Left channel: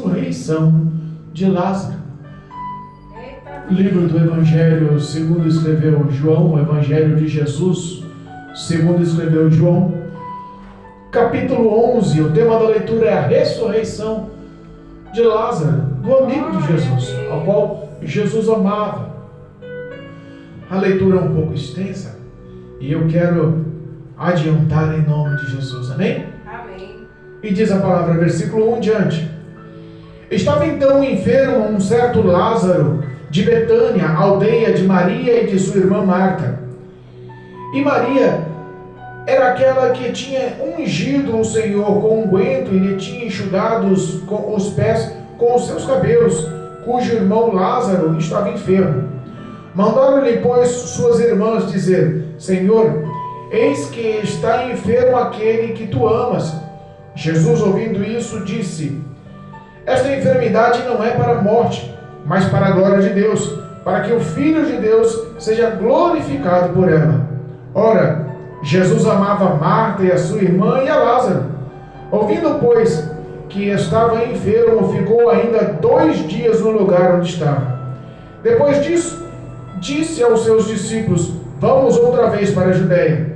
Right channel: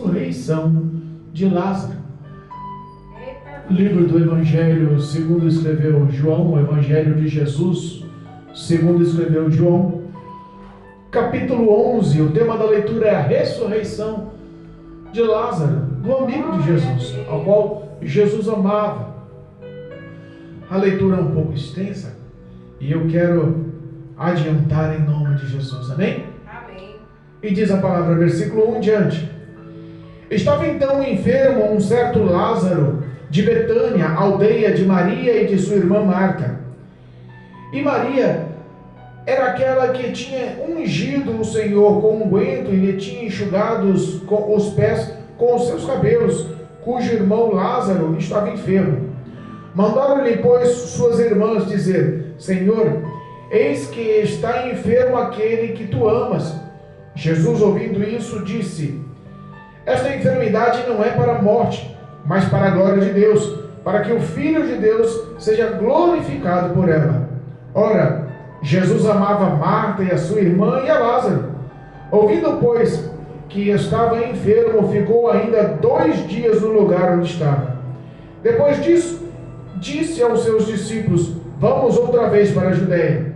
ressurreição de Lázaro. Livro do Evangelho segundo escreveu João, o Evangelho de Jesus, segundo escreveu João, capítulo 11, o tema da leitura é a ressurreição de Lázaro, do amigo de Jesus, ao qual Jesus amava. A leitura é um pouco extensa e eu quero adiantar em nome de Jesus, amém? Amém. E diz a palavra, versículo 1 em diante. Estava então enfermo um certo Lázaro de Betânia, aldeia de Maria e de sua irmã Marta. E Maria era aquela que tinha ungido o Senhor com unguento e lhe tinha enxugado os pés com os seus cabelos, cujo irmão Lázaro estava enfermo. Mandaram-lhe, pois, suas irmãs dizer: Senhor, eis que está enfermo aquele que tu amas. Jesus, ouvindo isso, disse: Esta enfermidade não é para a morte, mas para a glória de Deus, para que o Filho de Deus seja glorificado por ela. Ora, Jesus amava Marta e a sua irmã e a Lázaro. Ouvindo, pois, que estava enfermo, ficou ainda 2 dias no lugar onde estava. Depois disso, disse aos seus discípulos: Vamos outra vez para a Judéia.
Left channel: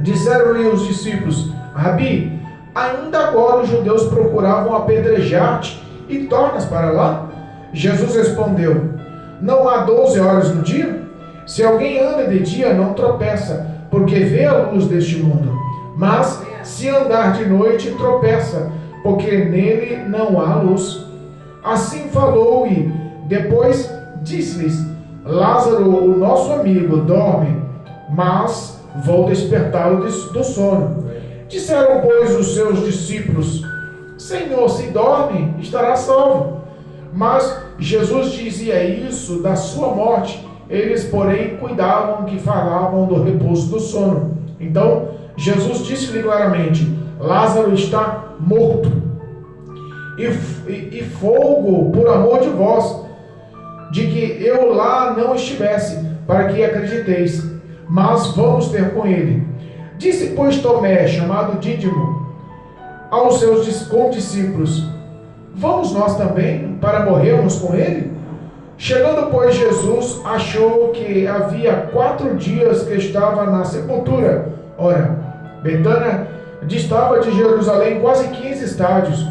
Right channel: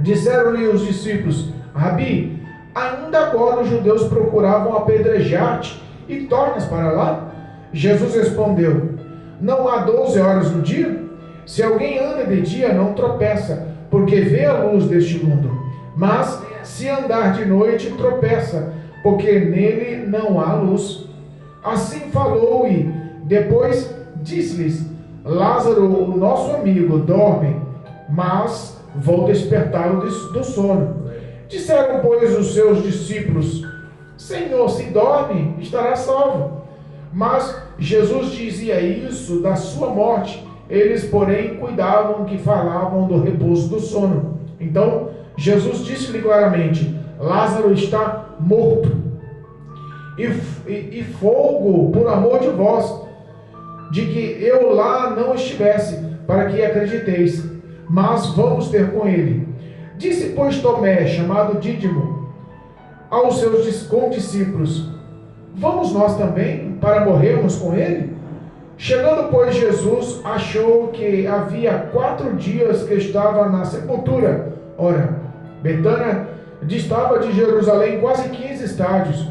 Disseram-lhe os discípulos: Rabi, ainda agora os judeus procuravam apedrejar-te e tornas para lá? Jesus respondeu: Não há 12 horas no dia? Se alguém anda de dia, não tropeça, porque vê a luz deste mundo. Mas se andar de noite, tropeça, porque nele não há luz. Assim falou e depois disse-lhes: Lázaro, o nosso amigo, dorme, mas vou despertá-lo do sono. Disseram, pois, os seus discípulos: Senhor, se dorme, estará salvo. Mas Jesus dizia isso da sua morte. Eles, porém, cuidavam que falavam do repouso do sono. Então, Jesus disse-lhe claramente: Lázaro está morto. E folgo por amor de vós, de que eu lá não estivesse, para que acrediteis. Mas vamos ter com ele. Disse, pois, Tomé, chamado Dídimo, aos seus condiscípulos: Vamos nós também, para morrermos com ele? Chegando, pois, Jesus achou que havia 4 dias que estava na sepultura. Ora, Betânia distava de Jerusalém quase 15 estádios,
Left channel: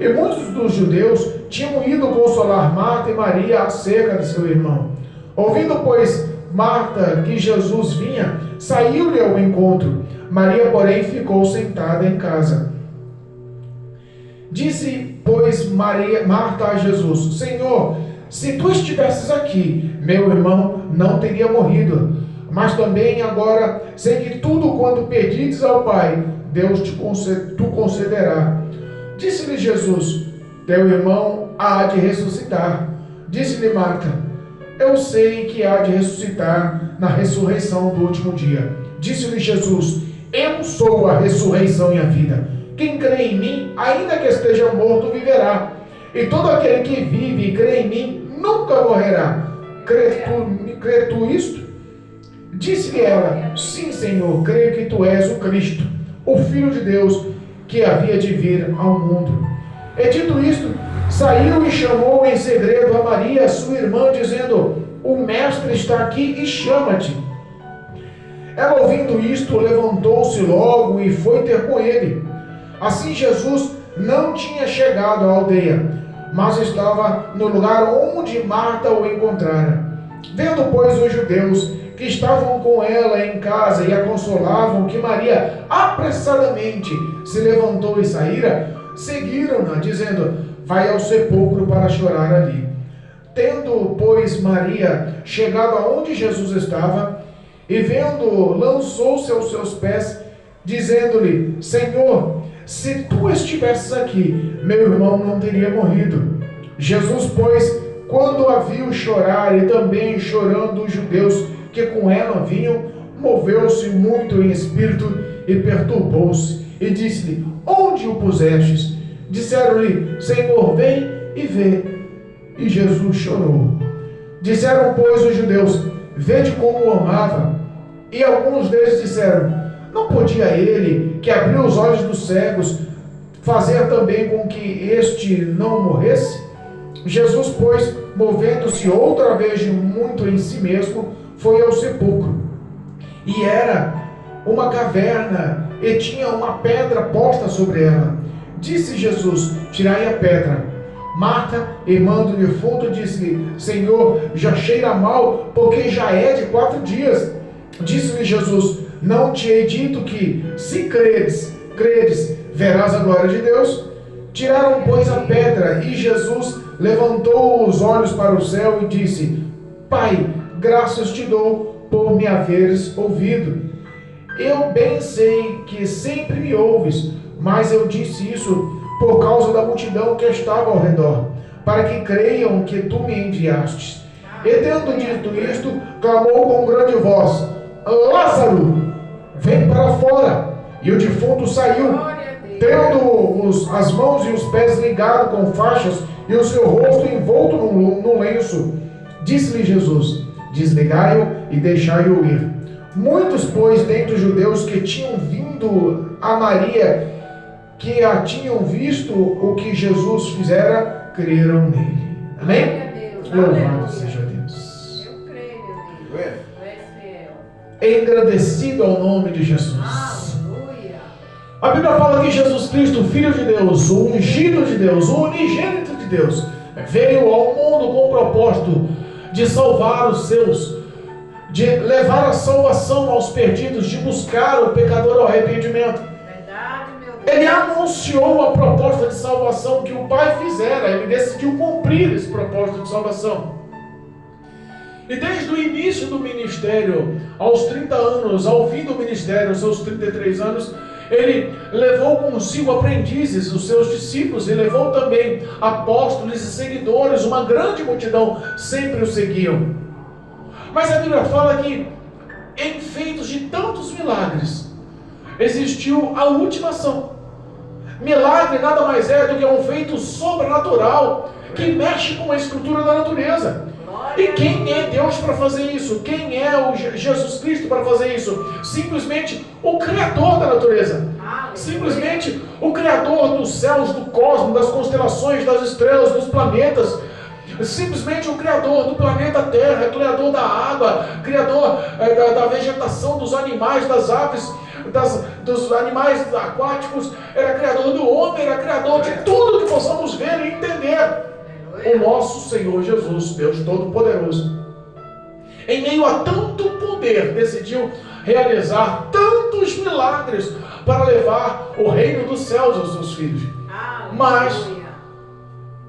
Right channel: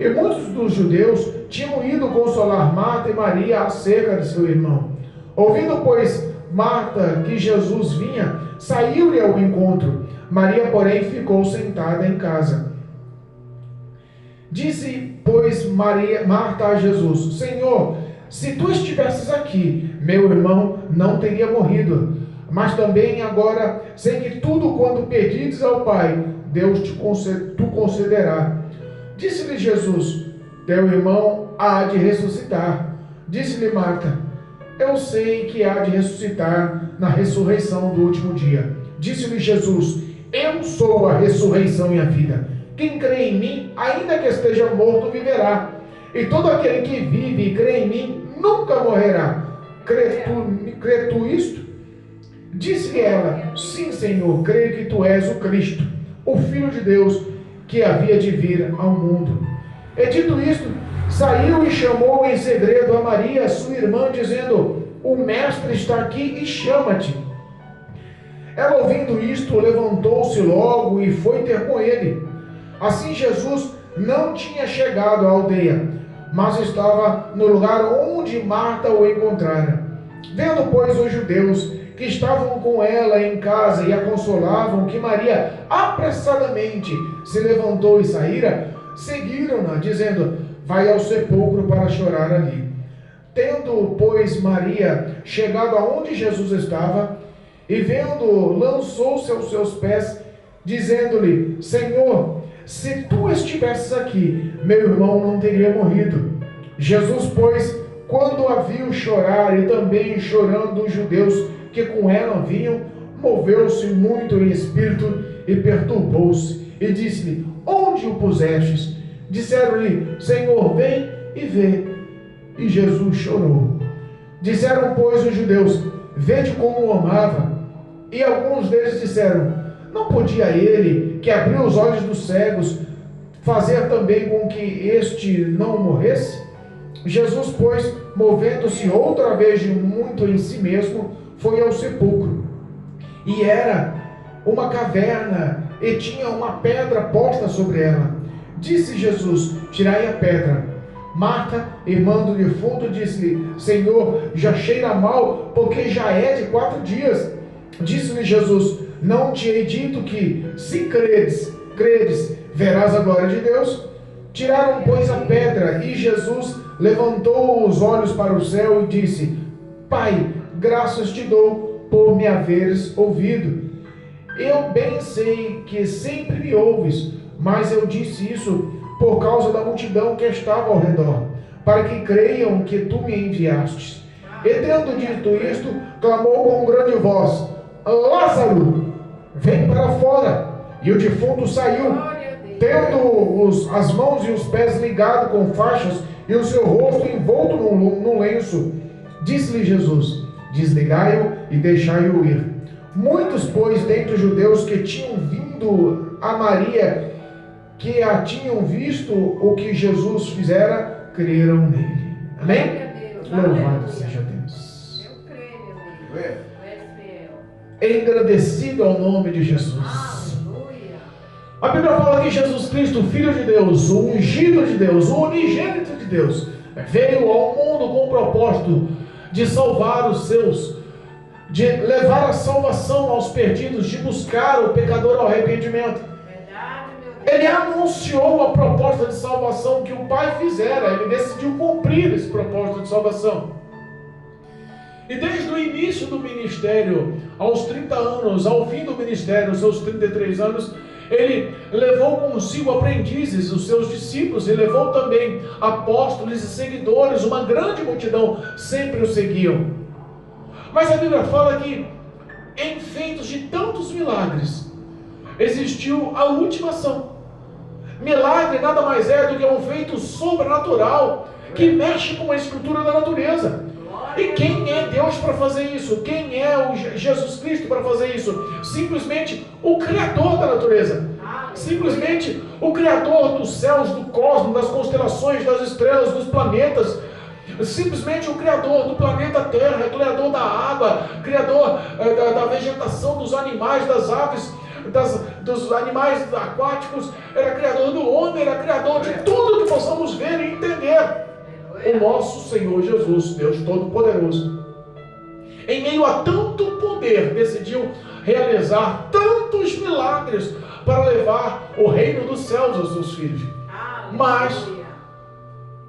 e muitos dos judeus tinham ido consolar Marta e Maria acerca de seu irmão. Ouvindo, pois, Marta que Jesus vinha, saiu-lhe ao encontro. Maria, porém, ficou sentada em casa. Disse, pois, Marta a Jesus: Senhor, se tu estivesses aqui, meu irmão não teria morrido. Mas também agora sei que tudo quanto pedires ao Pai, Deus tu concederá. Disse-lhe Jesus: Teu irmão há de ressuscitar. Disse-lhe Marta: Eu sei que há de ressuscitar na ressurreição do último dia. Disse-lhe Jesus: Eu sou a ressurreição e a vida. Quem crê em mim, ainda que esteja morto, viverá. E todo aquele que vive e crê em mim nunca morrerá. Crê tu isto? Disse-lhe ela: Sim, Senhor, creio que tu és o Cristo, o Filho de Deus, que havia de vir ao mundo. E dito isto, saiu e chamou em segredo a Maria, sua irmã, dizendo: O mestre está aqui e chama-te. Ela, ouvindo isto, levantou-se logo e foi ter com ele. Assim Jesus não tinha chegado à aldeia, mas estava no lugar onde Marta o encontrara. Vendo, pois, os judeus que estavam com ela em casa e a consolavam, que Maria apressadamente se levantou e saíra, seguiram-na, dizendo: Vai ao sepulcro para chorar ali. Tendo, pois, Maria chegado aonde Jesus estava, e vendo, lançou-se aos seus pés, dizendo-lhe: Senhor, se tu estivesses aqui, meu irmão não teria morrido. Jesus, pois, quando a viu chorar, e também chorando os judeus que com ela vinham, moveu-se muito em espírito e perturbou-se, e disse-lhe: Onde o pusestes? Disseram-lhe: Senhor, vem e vê. E Jesus chorou. Disseram, pois, os judeus: Vede como o amava. E alguns deles disseram: Não podia ele, que abriu os olhos dos cegos, fazer também com que este não morresse? Jesus, pois, movendo-se outra vez de muito em si mesmo, foi ao sepulcro. E era uma caverna, e tinha uma pedra posta sobre ela. Disse Jesus: tirai a pedra. Marta, irmã do defunto, disse-lhe: Senhor, já cheira mal, porque já é de 4 dias. Disse-lhe Jesus: não te hei dito que, se credes, verás a glória de Deus? Tiraram, pois, a pedra, e Jesus levantou os olhos para o céu e disse: Pai, graças te dou por me haveres ouvido. Eu bem sei que sempre me ouves, mas eu disse isso por causa da multidão que estava ao redor, para que creiam que tu me enviastes. E tendo dito isto, clamou com grande voz: Lázaro, vem para fora. E o defunto saiu, tendo as mãos e os pés ligados com faixas e o seu rosto envolto num lenço. Disse-lhe Jesus: desligai-o e deixai-o ir. Muitos, pois, dentre os judeus que tinham vindo a Maria, que a tinham visto o que Jesus fizera, creram nele. Amém? Louvado seja Deus. Eu creio, meu Deus. Engrandecido ao nome de Jesus. A Bíblia fala que Jesus Cristo, Filho de Deus, o ungido de Deus, o unigênito de Deus, veio ao mundo com o propósito de salvar os seus, de levar a salvação aos perdidos, de buscar o pecador ao arrependimento. Ele anunciou a proposta de salvação que o Pai fizera. Ele decidiu cumprir esse propósito de salvação. E desde o início do ministério, aos 30 anos, ao fim do ministério, aos seus 33 anos, ele levou consigo aprendizes, os seus discípulos, e levou também apóstolos e seguidores. Uma grande multidão sempre o seguiam. Mas a Bíblia fala que, em feitos de tantos milagres, existiu a última ação. Milagre nada mais é do que um feito sobrenatural que mexe com a estrutura da natureza. E quem é Deus para fazer isso? Quem é o Jesus Cristo para fazer isso? Simplesmente o Criador da natureza. Simplesmente o Criador dos céus, do cosmos, das constelações, das estrelas, dos planetas. Simplesmente o Criador do planeta Terra, Criador da água, Criador da vegetação, dos animais, das aves, dos animais aquáticos. Era Criador do homem, era Criador de tudo que possamos ver e entender. O nosso Senhor Jesus, Deus Todo-Poderoso, em meio a tanto poder, decidiu realizar tantos milagres para levar o reino dos céus aos seus filhos. Mas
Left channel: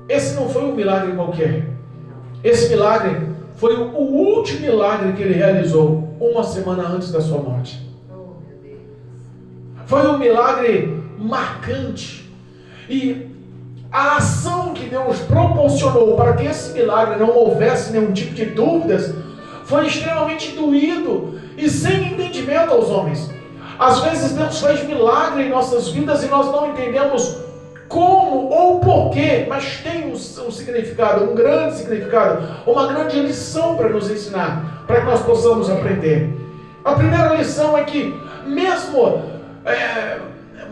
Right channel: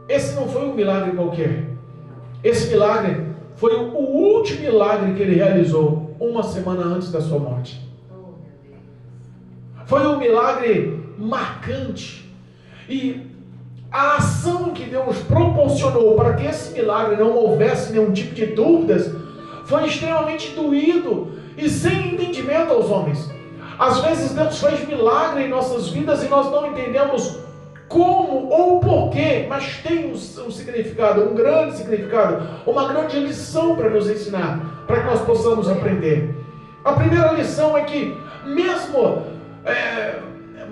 esse não foi um milagre qualquer. Esse milagre foi o último milagre que ele realizou 1 semana antes da sua morte. Foi um milagre marcante. E a ação que Deus proporcionou para que esse milagre não houvesse nenhum tipo de dúvidas foi extremamente doído e sem entendimento aos homens. Às vezes Deus faz milagre em nossas vidas e nós não entendemos como ou porquê, mas tem um significado, um grande significado, uma grande lição para nos ensinar, para que nós possamos aprender. A primeira lição é que mesmo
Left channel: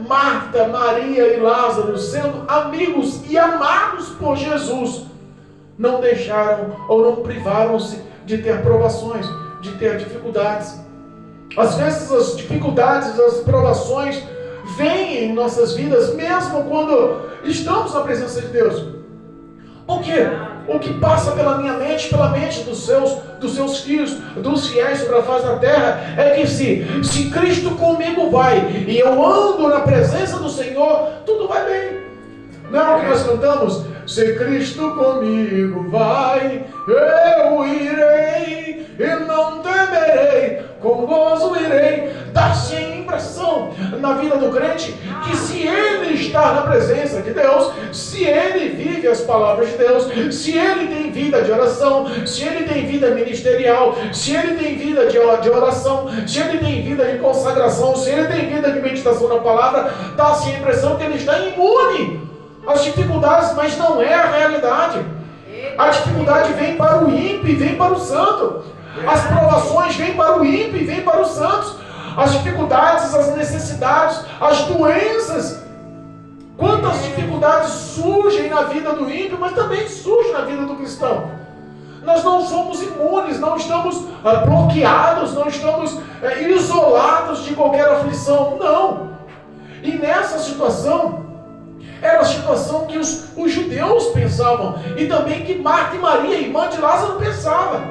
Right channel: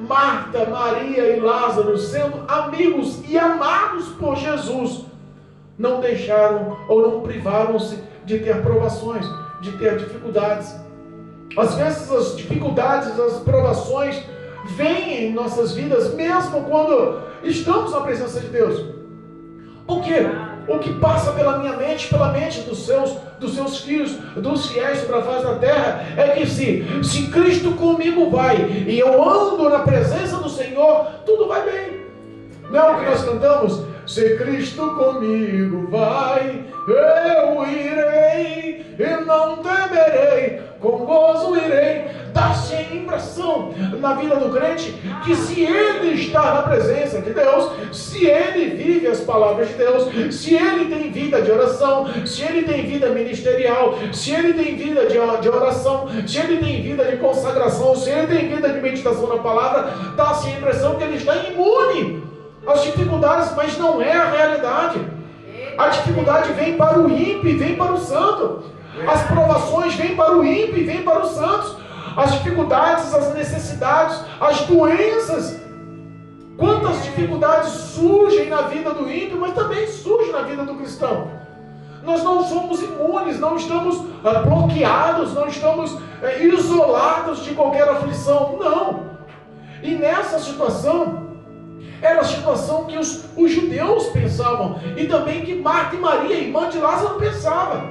Marta, Maria e Lázaro, sendo amigos e amados por Jesus, não deixaram ou não privaram-se de ter provações, de ter dificuldades. Às vezes as dificuldades, as provações vêm em nossas vidas mesmo quando estamos na presença de Deus. Porque o que passa pela minha mente, pela mente dos seus filhos, dos fiéis sobre a face da terra, é que se Cristo comigo vai, e eu ando na presença do Senhor, tudo vai bem. Não é o que nós cantamos? Se Cristo comigo vai, eu irei, e não temerei, com gozo irei. Dá-se a impressão na vida do crente que se ele está na presença de Deus, se ele vive as palavras de Deus, se ele tem vida de oração, se ele tem vida ministerial, se ele tem vida de oração, se ele tem vida de consagração, se ele tem vida de meditação na palavra, dá-se a impressão que ele está imune às dificuldades, mas não é a realidade. A dificuldade vem para o ímpio e vem para o santo. As provações vêm para o ímpio e vêm para os santos. As dificuldades, as necessidades, as doenças Quantas dificuldades surgem na vida do ímpio, mas também surgem na vida do cristão. Nós não somos imunes, não estamos bloqueados, não estamos isolados de qualquer aflição, não. E nessa situação, era a situação que os judeus pensavam, e também que Marta e Maria, irmã de Lázaro, pensavam.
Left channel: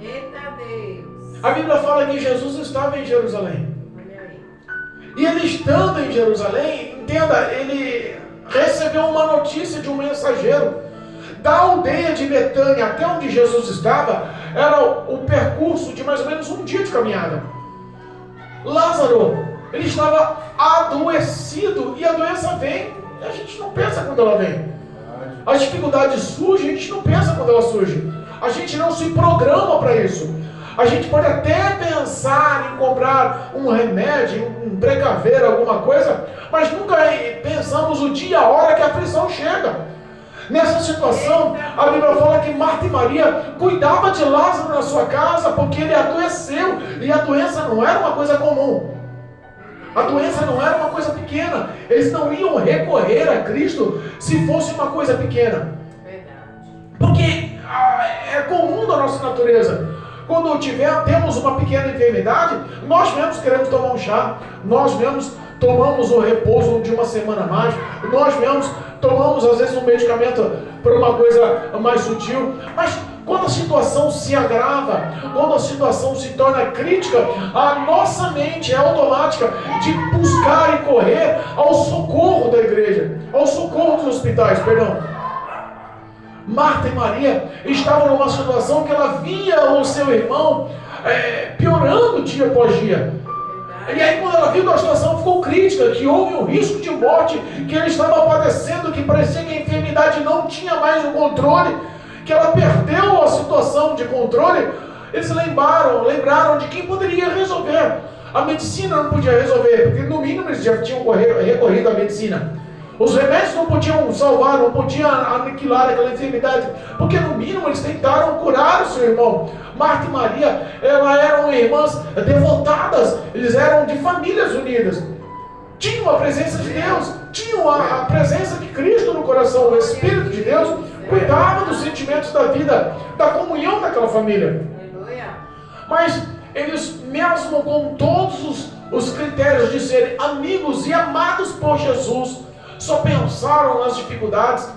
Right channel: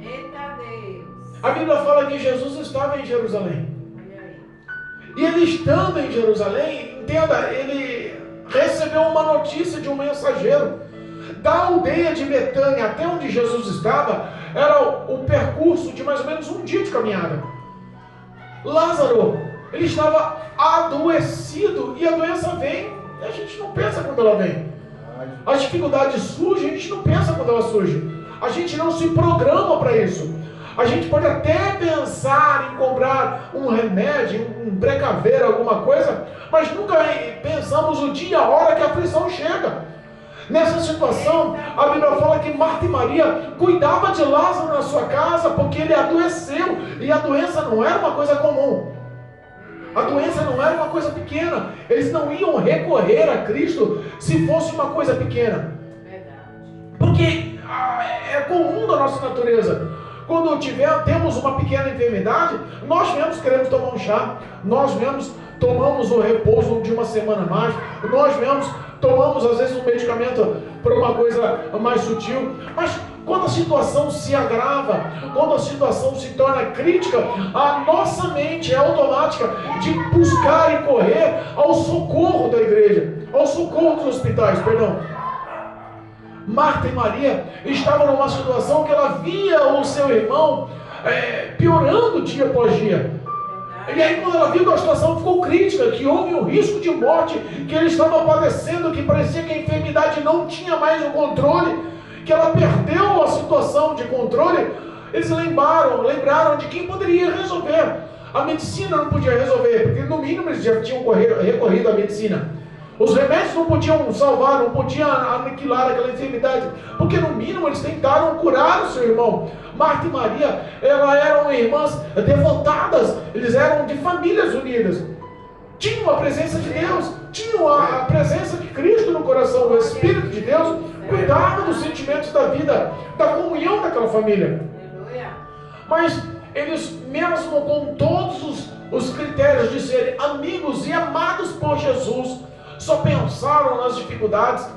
Eita Deus! A Bíblia fala que Jesus estava em Jerusalém. E ele estando em Jerusalém, entenda, ele recebeu uma notícia de um mensageiro. Da aldeia de Betânia até onde Jesus estava, era o percurso de mais ou menos um dia de caminhada. Lázaro, ele estava adoecido, e a doença vem, e a gente não pensa quando ela vem. As dificuldades surgem, a gente não pensa quando ela surge. A gente não se programa para isso. A gente pode até pensar em comprar um remédio, um precaver, alguma coisa, mas nunca pensamos o dia, a hora que a aflição chega. Nessa situação, a Bíblia fala que Marta e Maria cuidavam de Lázaro na sua casa, porque ele adoeceu, e a doença não era uma coisa comum. A doença não era uma coisa pequena. Eles não iam recorrer a Cristo se fosse uma coisa pequena. Porque é comum da nossa natureza. Quando temos uma pequena enfermidade, nós mesmos queremos tomar um chá, nós mesmos tomamos o repouso de uma semana a mais, nós mesmos tomamos às vezes um medicamento para uma coisa mais sutil, mas quando a situação se agrava, quando a situação se torna crítica, a nossa mente é automática de buscar e correr ao socorro da igreja, ao socorro dos hospitais, perdão. Marta e Maria estavam numa situação que ela via o seu irmão piorando dia após dia. E aí quando ela viu que a situação ficou crítica, que houve um risco de morte, que ele estava padecendo, que parecia que a enfermidade não tinha mais o controle, que ela perdeu a situação de controle, eles lembraram de quem poderia resolver. A medicina não podia resolver, porque no mínimo eles já tinham recorrido à medicina. Os remédios não podiam salvar, não podiam aniquilar aquela enfermidade, porque no mínimo eles tentaram curar o seu irmão. Marta e Maria, elas eram irmãs devotadas, eles eram de famílias unidas. Tinham a presença de Deus, tinham a presença de Cristo no coração, o Espírito de Deus cuidava dos sentimentos da vida, da comunhão daquela família. Mas eles, mesmo com todos os critérios de serem amigos e amados por Jesus, só pensaram nas dificuldades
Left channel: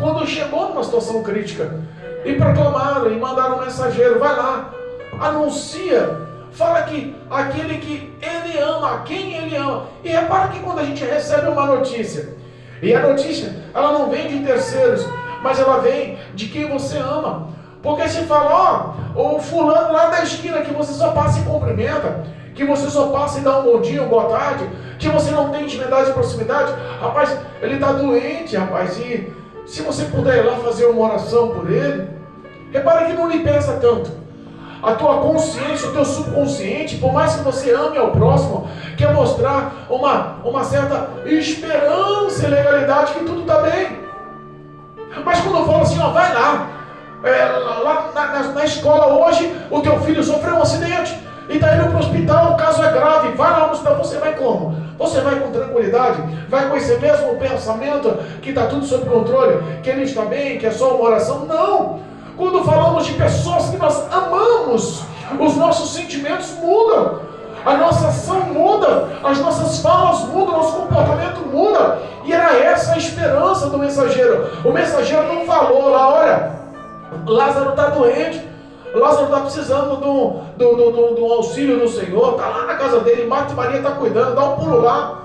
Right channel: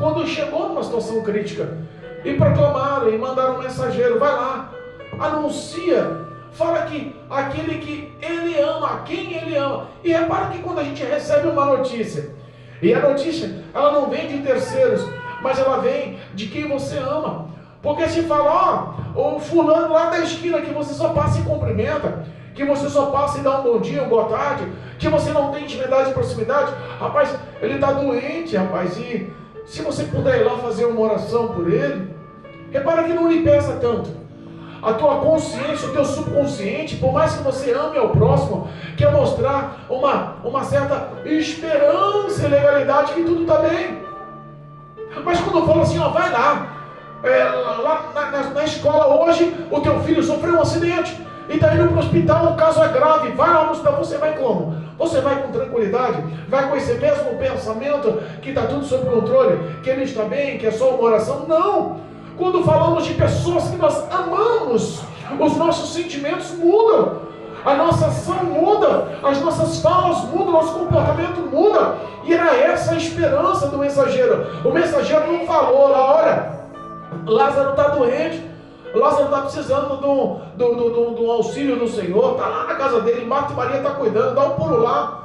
quando chegou numa situação crítica. E proclamaram e mandaram um mensageiro: vai lá, anuncia, fala que aquele que ele ama, a quem ele ama. E repara que quando a gente recebe uma notícia, e a notícia ela não vem de terceiros, mas ela vem de quem você ama. Porque se fala, o fulano lá da esquina que você só passa e cumprimenta, que você só passa e dá um bom dia, uma boa tarde, que você não tem intimidade e proximidade, rapaz, ele está doente, rapaz, e se você puder ir lá fazer uma oração por ele, repara que não lhe pesa tanto. A tua consciência, o teu subconsciente, por mais que você ame ao próximo, quer mostrar uma certa esperança e legalidade que tudo está bem. Mas quando eu falo assim, vai lá, lá na escola hoje, o teu filho sofreu um acidente, e está indo para o hospital, o caso é grave, vai lá no hospital, você vai como? Você vai com tranquilidade? Vai com esse mesmo pensamento que está tudo sob controle, que ele está bem, que é só uma oração? Não! Quando falamos de pessoas que nós amamos, os nossos sentimentos mudam, a nossa ação muda, as nossas falas mudam, nosso comportamento muda, e era essa a esperança do mensageiro. O mensageiro não falou lá, olha, Lázaro está doente, Lázaro está precisando do auxílio do Senhor, está lá na casa dele, Marta e Maria está cuidando, dá um pulo lá.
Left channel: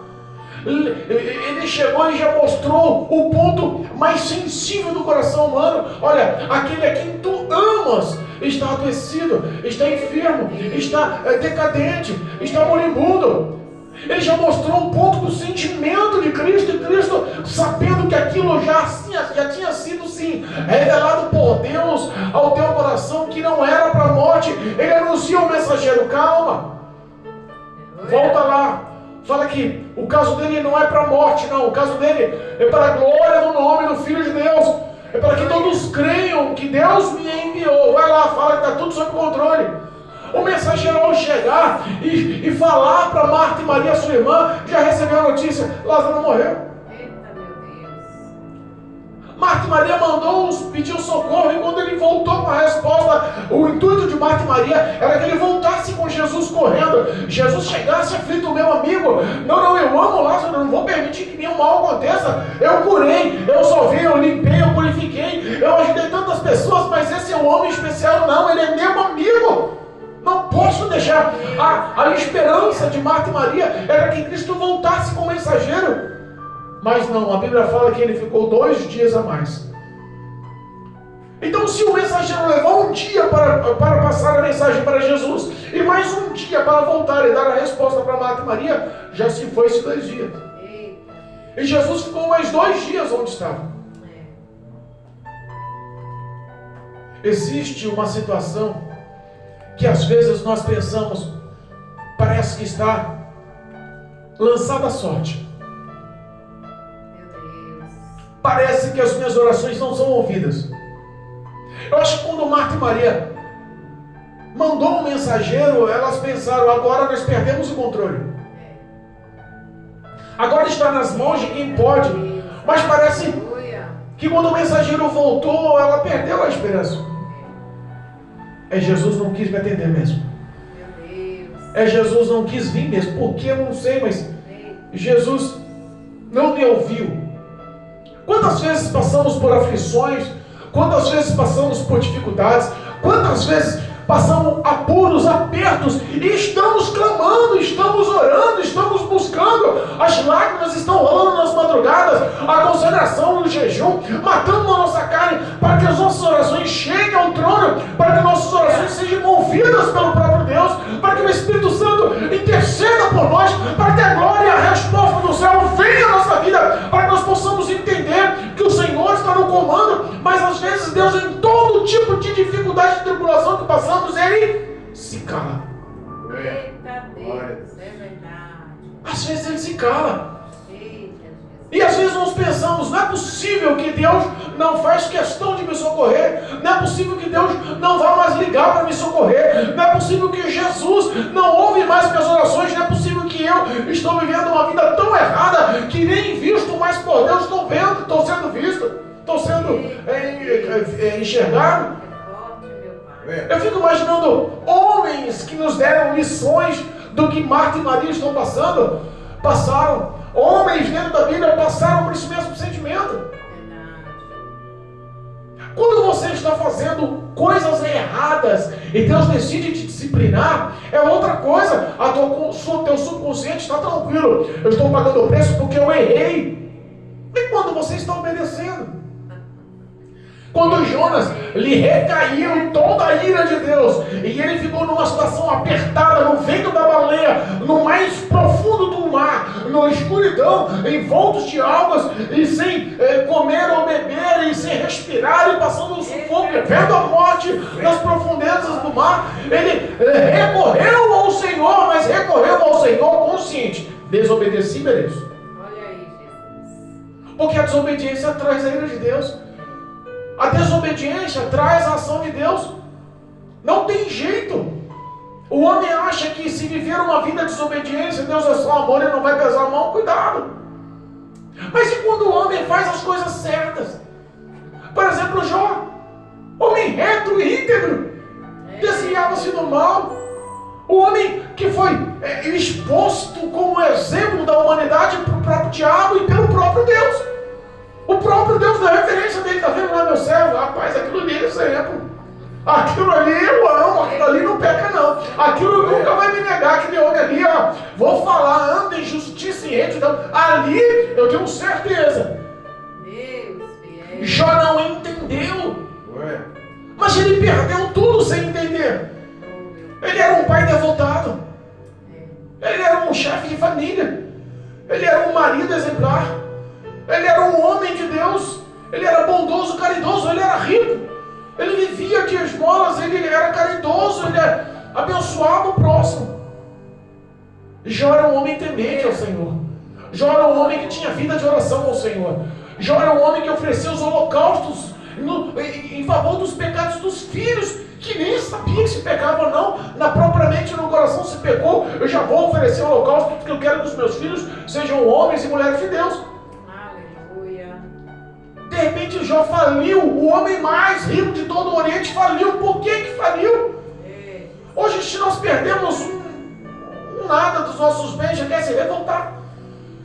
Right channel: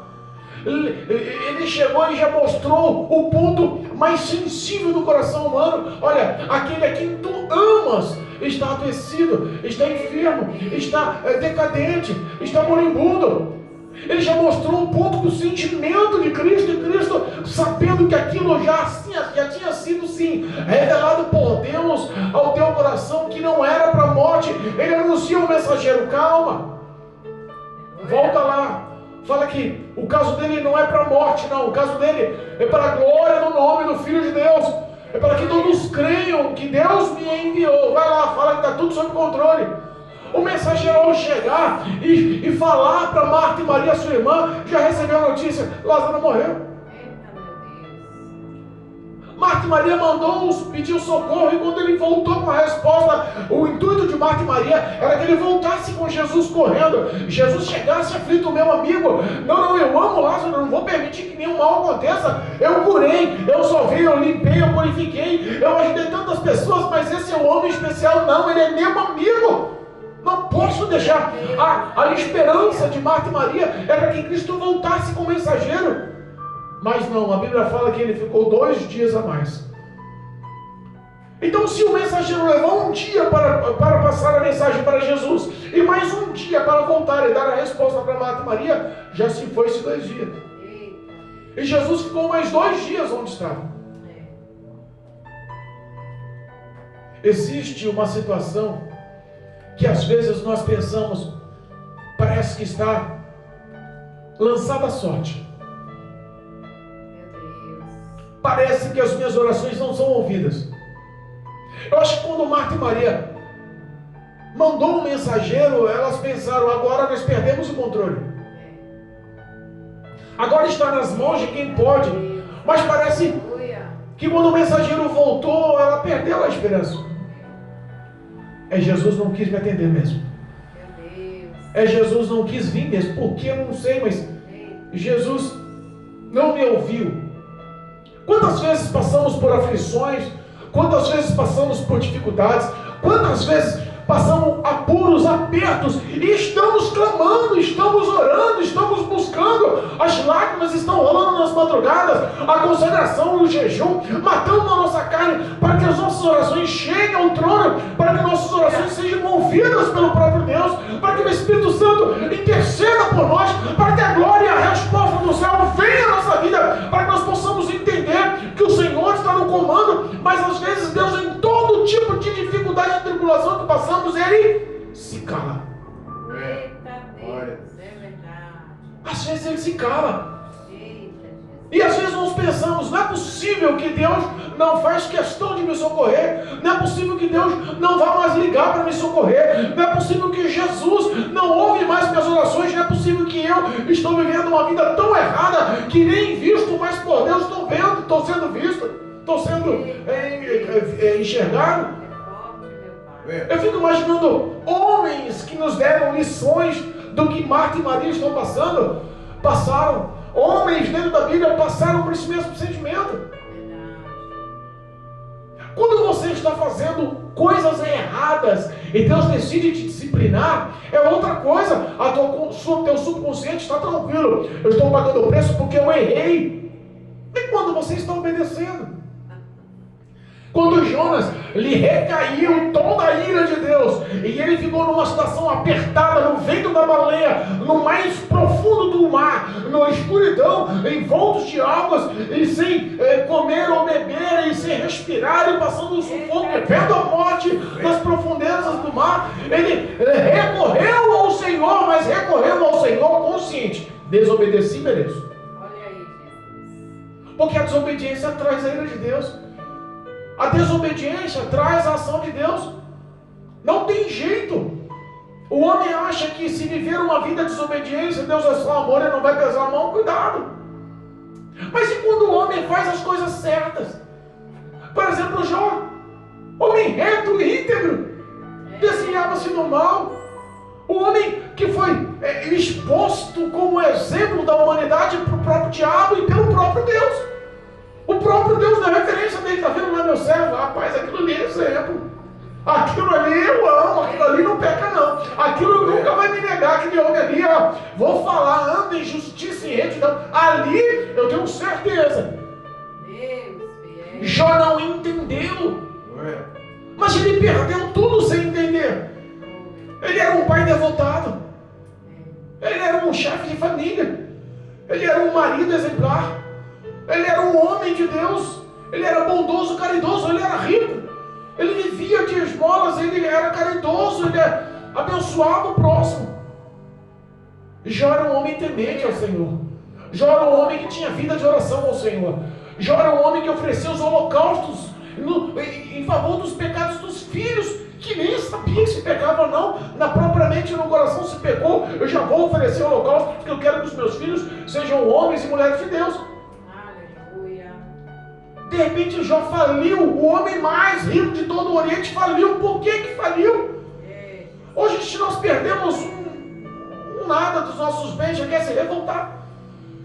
Ele chegou e já mostrou o ponto mais sensível do coração humano. Olha, aquele a quem tu amas está adoecido, está enfermo, está decadente, está moribundo. Ele já mostrou um ponto do sentimento de Cristo, e Cristo, sabendo que aquilo já tinha sido sim revelado por Deus ao teu coração, que não era para a morte. Ele anuncia ao mensageiro: calma, volta lá, fala que o caso dele não é para a morte, não, o caso dele é para a glória do nome do Filho de Deus, é para que todos creiam que Deus me enviou. Vai lá, fala que está tudo sob controle. O mensageiro, ao chegar e falar para Marta e Maria, sua irmã, já recebeu a notícia: Lázaro morreu. Marta e Maria pediu socorro, e quando ele voltou com a resposta, o intuito de Marta e Maria era que ele voltasse com Jesus correndo. Jesus chegasse aflito, meu amigo, não, eu amo Lázaro, não vou permitir que nenhum mal aconteça. Eu curei, eu salvei, eu limpei, eu purifiquei, eu ajudei tantas pessoas, mas esse é um homem especial. Não, ele é meu amigo. Não posso deixar. A esperança de Marta e Maria era que Cristo voltasse como mensageiro. Mas não, a Bíblia fala que ele ficou 2 dias a mais. Então, se o mensageiro levou um dia para passar a mensagem para Jesus, e mais um dia para voltar e dar a resposta para Marta e Maria, já se foi-se 2 dias. E Jesus ficou mais 2 dias onde estava. Existe uma situação que às vezes nós pensamos, parece que está lançada a sorte. Parece que as minhas orações não são ouvidas. Eu acho que quando Marta e Maria mandou um mensageiro, elas pensaram, agora nós perdemos o controle. Agora está nas mãos de quem pode. Mas parece que quando o mensageiro voltou, ela perdeu a esperança. Jesus não quis me atender mesmo. Jesus não quis vir mesmo. Por que? Eu não sei, mas Jesus não me ouviu. Quantas vezes passamos por aflições? Quantas vezes passamos por dificuldades? Quantas vezes passamos apuros, apertos, e estamos clamando, estamos orando, estamos buscando, as lágrimas estão rolando nas madrugadas, a consagração, o jejum, matando a nossa carne, para que as nossas orações cheguem ao trono, para que nossas orações sejam ouvidas pelo próprio Deus, para que o Espírito Santo interceda por nós, para que a glória e a resposta do céu venha à nossa vida, para que nós possamos entender que o Senhor está no comando. Mas às vezes Deus, em todo tipo de dificuldade e tribulação que passamos, Ele se cala. Eita Deus, é verdade. Às vezes Ele se cala. E às vezes nós pensamos, não é possível que Deus não faz questão de me socorrer, não é possível que Deus não vá mais ligar para me socorrer, não é possível que Jesus não ouve mais minhas orações, não é possível que eu estou vivendo uma vida tão errada que nem visto mais por Deus, estou vendo, estou sendo visto, estou sendo enxergado. Eu fico imaginando homens que nos deram lições do que Marta e Maria estão passaram. Homens dentro da Bíblia passaram por esse mesmo sentimento. Quando você está fazendo coisas erradas e Deus decide te disciplinar, é outra coisa. Teu subconsciente está tranquilo. Eu estou pagando o preço porque eu errei. E quando você está obedecendo? Quando Jonas lhe recaiu toda a ira de Deus, e ele ficou numa situação apertada, no ventre da baleia, no mais profundo do mar, na escuridão, envoltos de águas, e sem comer ou beber, e sem respirar, e passando o sufoco, vendo a morte nas profundezas do mar, ele recorreu ao Senhor, mas recorreu ao Senhor consciente. Desobedeci, mereço. Olha aí, Jesus. Porque a desobediência traz a ira de Deus. A desobediência traz a ação de Deus. Não tem jeito. O homem acha que se viver uma vida de desobediência, Deus é só amor e não vai pesar a mão, cuidado. Mas e quando o homem faz as coisas certas? Por exemplo, Jó, homem reto e íntegro, desviava-se do mal. O homem que foi exposto como exemplo da humanidade para o próprio diabo e pelo próprio Deus. O próprio Deus dá referência dele, está vendo lá meu servo? Rapaz, aquilo ali é exemplo. Aquilo ali eu amo, aquilo ali não peca não. Aquilo nunca vai me negar, aquele homem ali, ó, vou falar, anda em justiça e retidão. Ali eu tenho certeza. Jó não entendeu. Mas ele perdeu tudo sem entender. Ele era um pai devotado. Ele era um chefe de família. Ele era um marido exemplar. Ele era um homem de Deus, ele era bondoso, caridoso, ele era rico, ele vivia de esmolas, ele era caridoso, ele abençoava o próximo. Jó era um homem temente ao Senhor. Jó era um homem que tinha vida de oração ao Senhor. Jó era um homem que oferecia os holocaustos em favor dos pecados dos filhos, que nem sabia se pecava ou não, propriamente no coração se pecou, eu já vou oferecer holocausto, porque eu quero que os meus filhos sejam homens e mulheres de Deus. repente Jó faliu, o homem mais rico de todo o Oriente faliu. Por que faliu? Hoje, se nós perdemos um nada dos nossos bens, já quer se revoltar.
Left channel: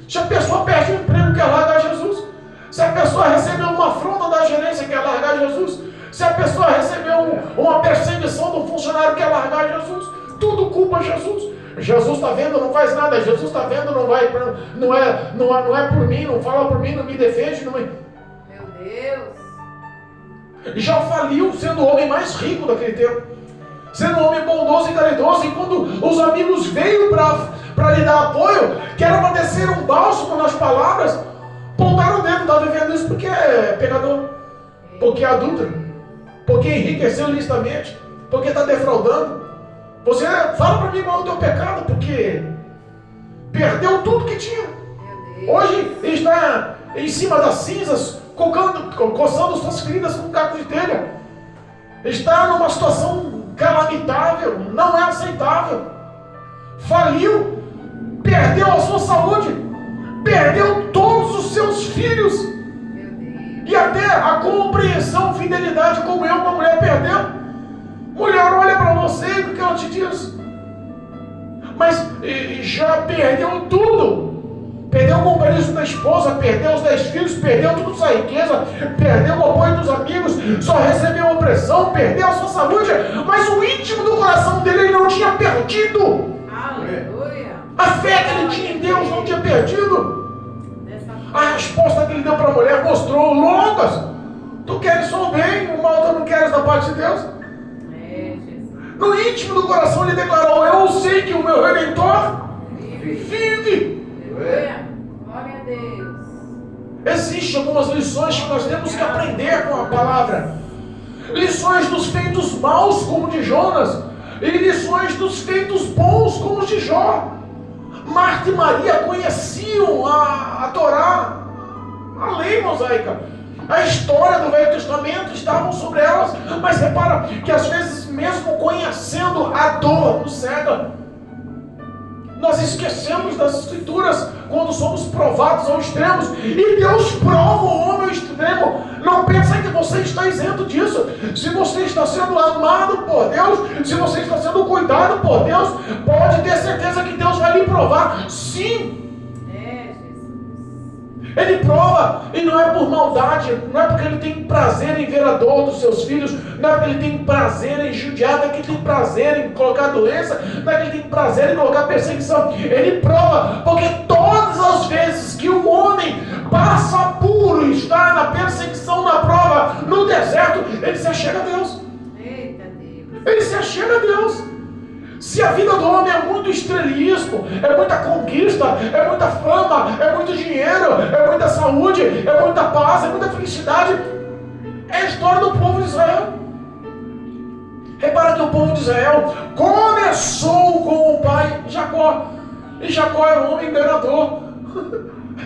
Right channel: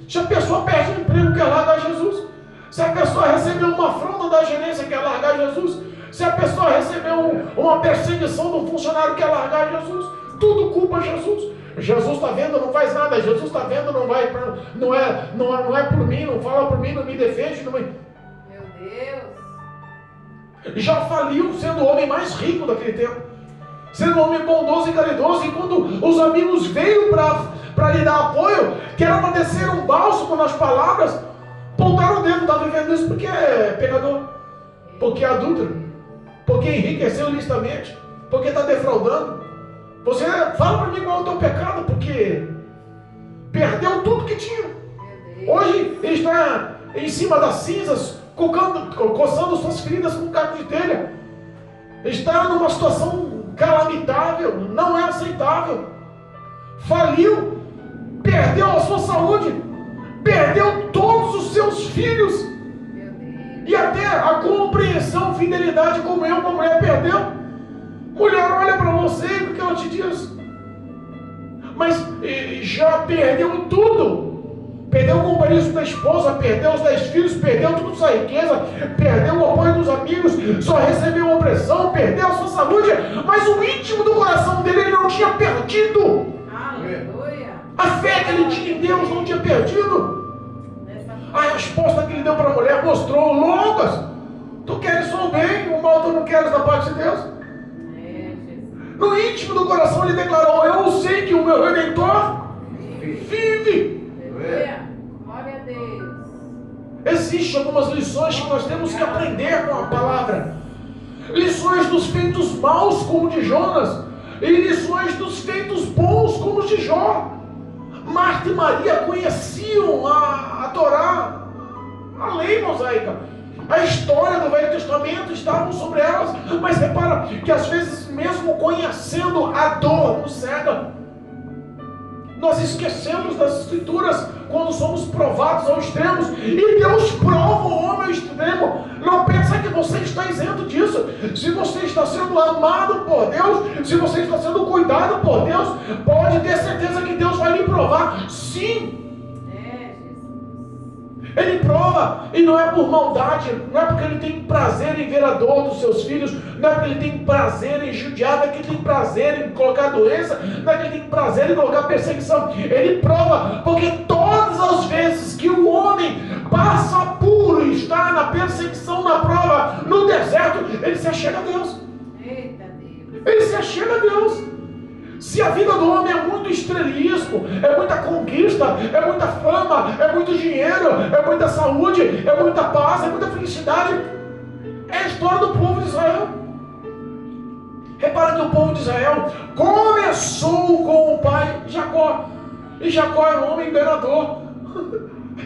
Se a pessoa perde o emprego, quer largar Jesus. Se a pessoa recebeu uma afronta da gerência, quer largar Jesus. Se a pessoa recebeu uma perseguição do funcionário, quer largar Jesus. Tudo culpa Jesus. Jesus está vendo, não faz nada. Jesus está vendo, não vai, não é por mim, não fala por mim, não me defende. Não me... Meu Deus. Já faliu, sendo o homem mais rico daquele tempo, sendo um homem bondoso e caridoso. E quando os amigos veio para lhe dar apoio, que era para descer um bálsamo nas palavras, pontaram o dedo, está vivendo isso porque é pecador, porque é adúltero, porque enriqueceu ilicitamente, porque está defraudando. Você fala para mim qual é o teu pecado, porque perdeu tudo que tinha. Hoje ele está em cima das cinzas, coçando suas feridas com um caco de telha. Está numa situação calamitável, não é aceitável. Faliu, perdeu a sua saúde, perdeu todos os seus filhos, e até a compreensão, fidelidade, comunhão com a mulher perdeu. Mulher olha para você e o que ela te diz? Mas já perdeu tudo. Perdeu o companheirismo da esposa, perdeu os 10 filhos, perdeu toda a sua riqueza, perdeu o apoio dos amigos, só recebeu opressão, perdeu a sua saúde, mas o íntimo do coração dele ele não tinha perdido. Aleluia. A fé que ele tinha em Deus não tinha perdido. A resposta que ele deu para a mulher mostrou longas. Tu queres só o bem, o mal tu não queres da parte de Deus. No íntimo do coração ele declarou: eu sei que o meu Redentor vive. Glória a Deus. Existem algumas lições que nós temos que aprender com a palavra. Lições dos feitos maus como de Jonas, e lições dos feitos bons como os de Jó. Marta e Maria conheciam a Torá, a lei mosaica. A história do Velho Testamento estavam sobre elas, mas repara que às vezes, mesmo conhecendo, a dor nos cega. Nós esquecemos das Escrituras quando somos provados ao extremo, e Deus prova o homem ao extremo. Não pensa que você está isento disso. Se você está sendo amado por Deus, se você está sendo cuidado por Deus, pode ter certeza que Deus vai lhe provar. Sim, Ele prova, e não é por maldade, não é porque Ele tem prazer em ver a dor dos seus filhos, não é porque Ele tem prazer em judiar, não é que Ele tem prazer em colocar doença, não é que Ele tem prazer em colocar perseguição. Ele prova, porque todas as vezes que o homem passa puro e está na perseguição, na prova, no deserto, ele se achega a Deus. Eita Deus. Ele se achega a Deus. Se a vida do homem é muito estrelismo, é muita conquista, é muita fama, é muito dinheiro, é muita saúde, é muita paz, é muita felicidade, é a história do povo de Israel. Repara que o povo de Israel começou com o pai Jacó, e Jacó era um homem enganador.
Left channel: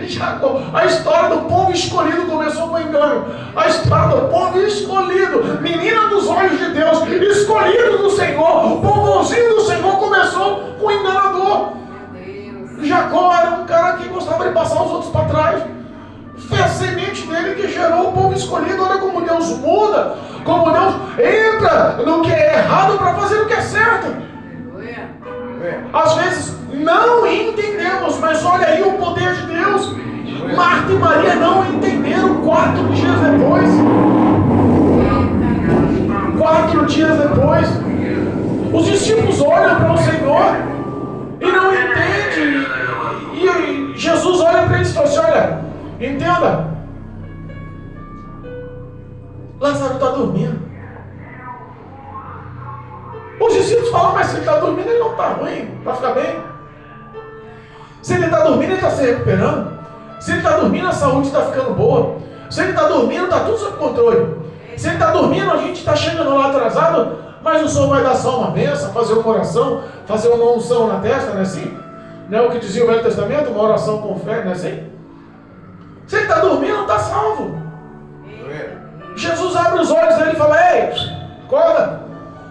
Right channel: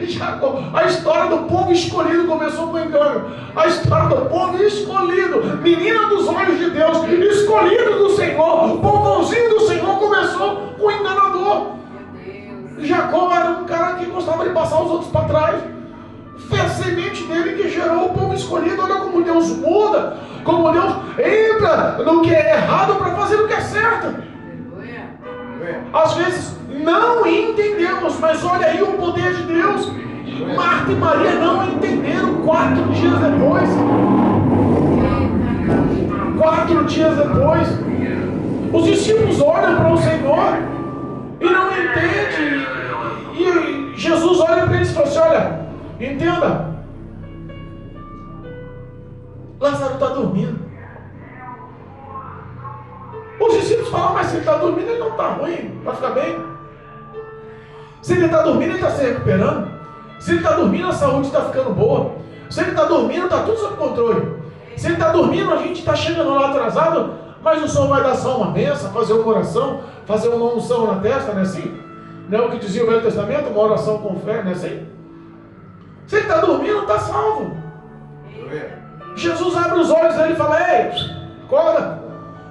Jacó, a história do povo escolhido começou com engano. A história do povo escolhido, menina dos olhos de Deus, escolhido do Senhor, o povozinho do Senhor começou com enganador. Jacó era um cara que gostava de passar os outros para trás. Foi a semente dele que gerou o povo escolhido. Olha como Deus muda, como Deus entra no que é errado para fazer o que é certo. Às vezes não entendemos, mas olha aí o poder de Deus. Marta e Maria não entenderam 4 dias depois. 4 dias depois, os discípulos olham para o Senhor e não entendem. E Jesus olha para eles e fala assim: olha, entenda, Lázaro está dormindo. Os discípulos falam: mas se ele está dormindo, ele não está ruim, vai ficar bem. Se ele está dormindo, ele está se recuperando. Se ele está dormindo, a saúde está ficando boa. Se ele está dormindo, está tudo sob controle. Se ele está dormindo, a gente está chegando lá atrasado, mas o Senhor vai dar só uma bênção, fazer uma oração, fazer uma unção na testa, não é assim? Não é o que dizia o Velho Testamento? Uma oração com fé, não é assim? Se ele está dormindo, não está salvo. Jesus abre os olhos dele e fala: ei, acorda,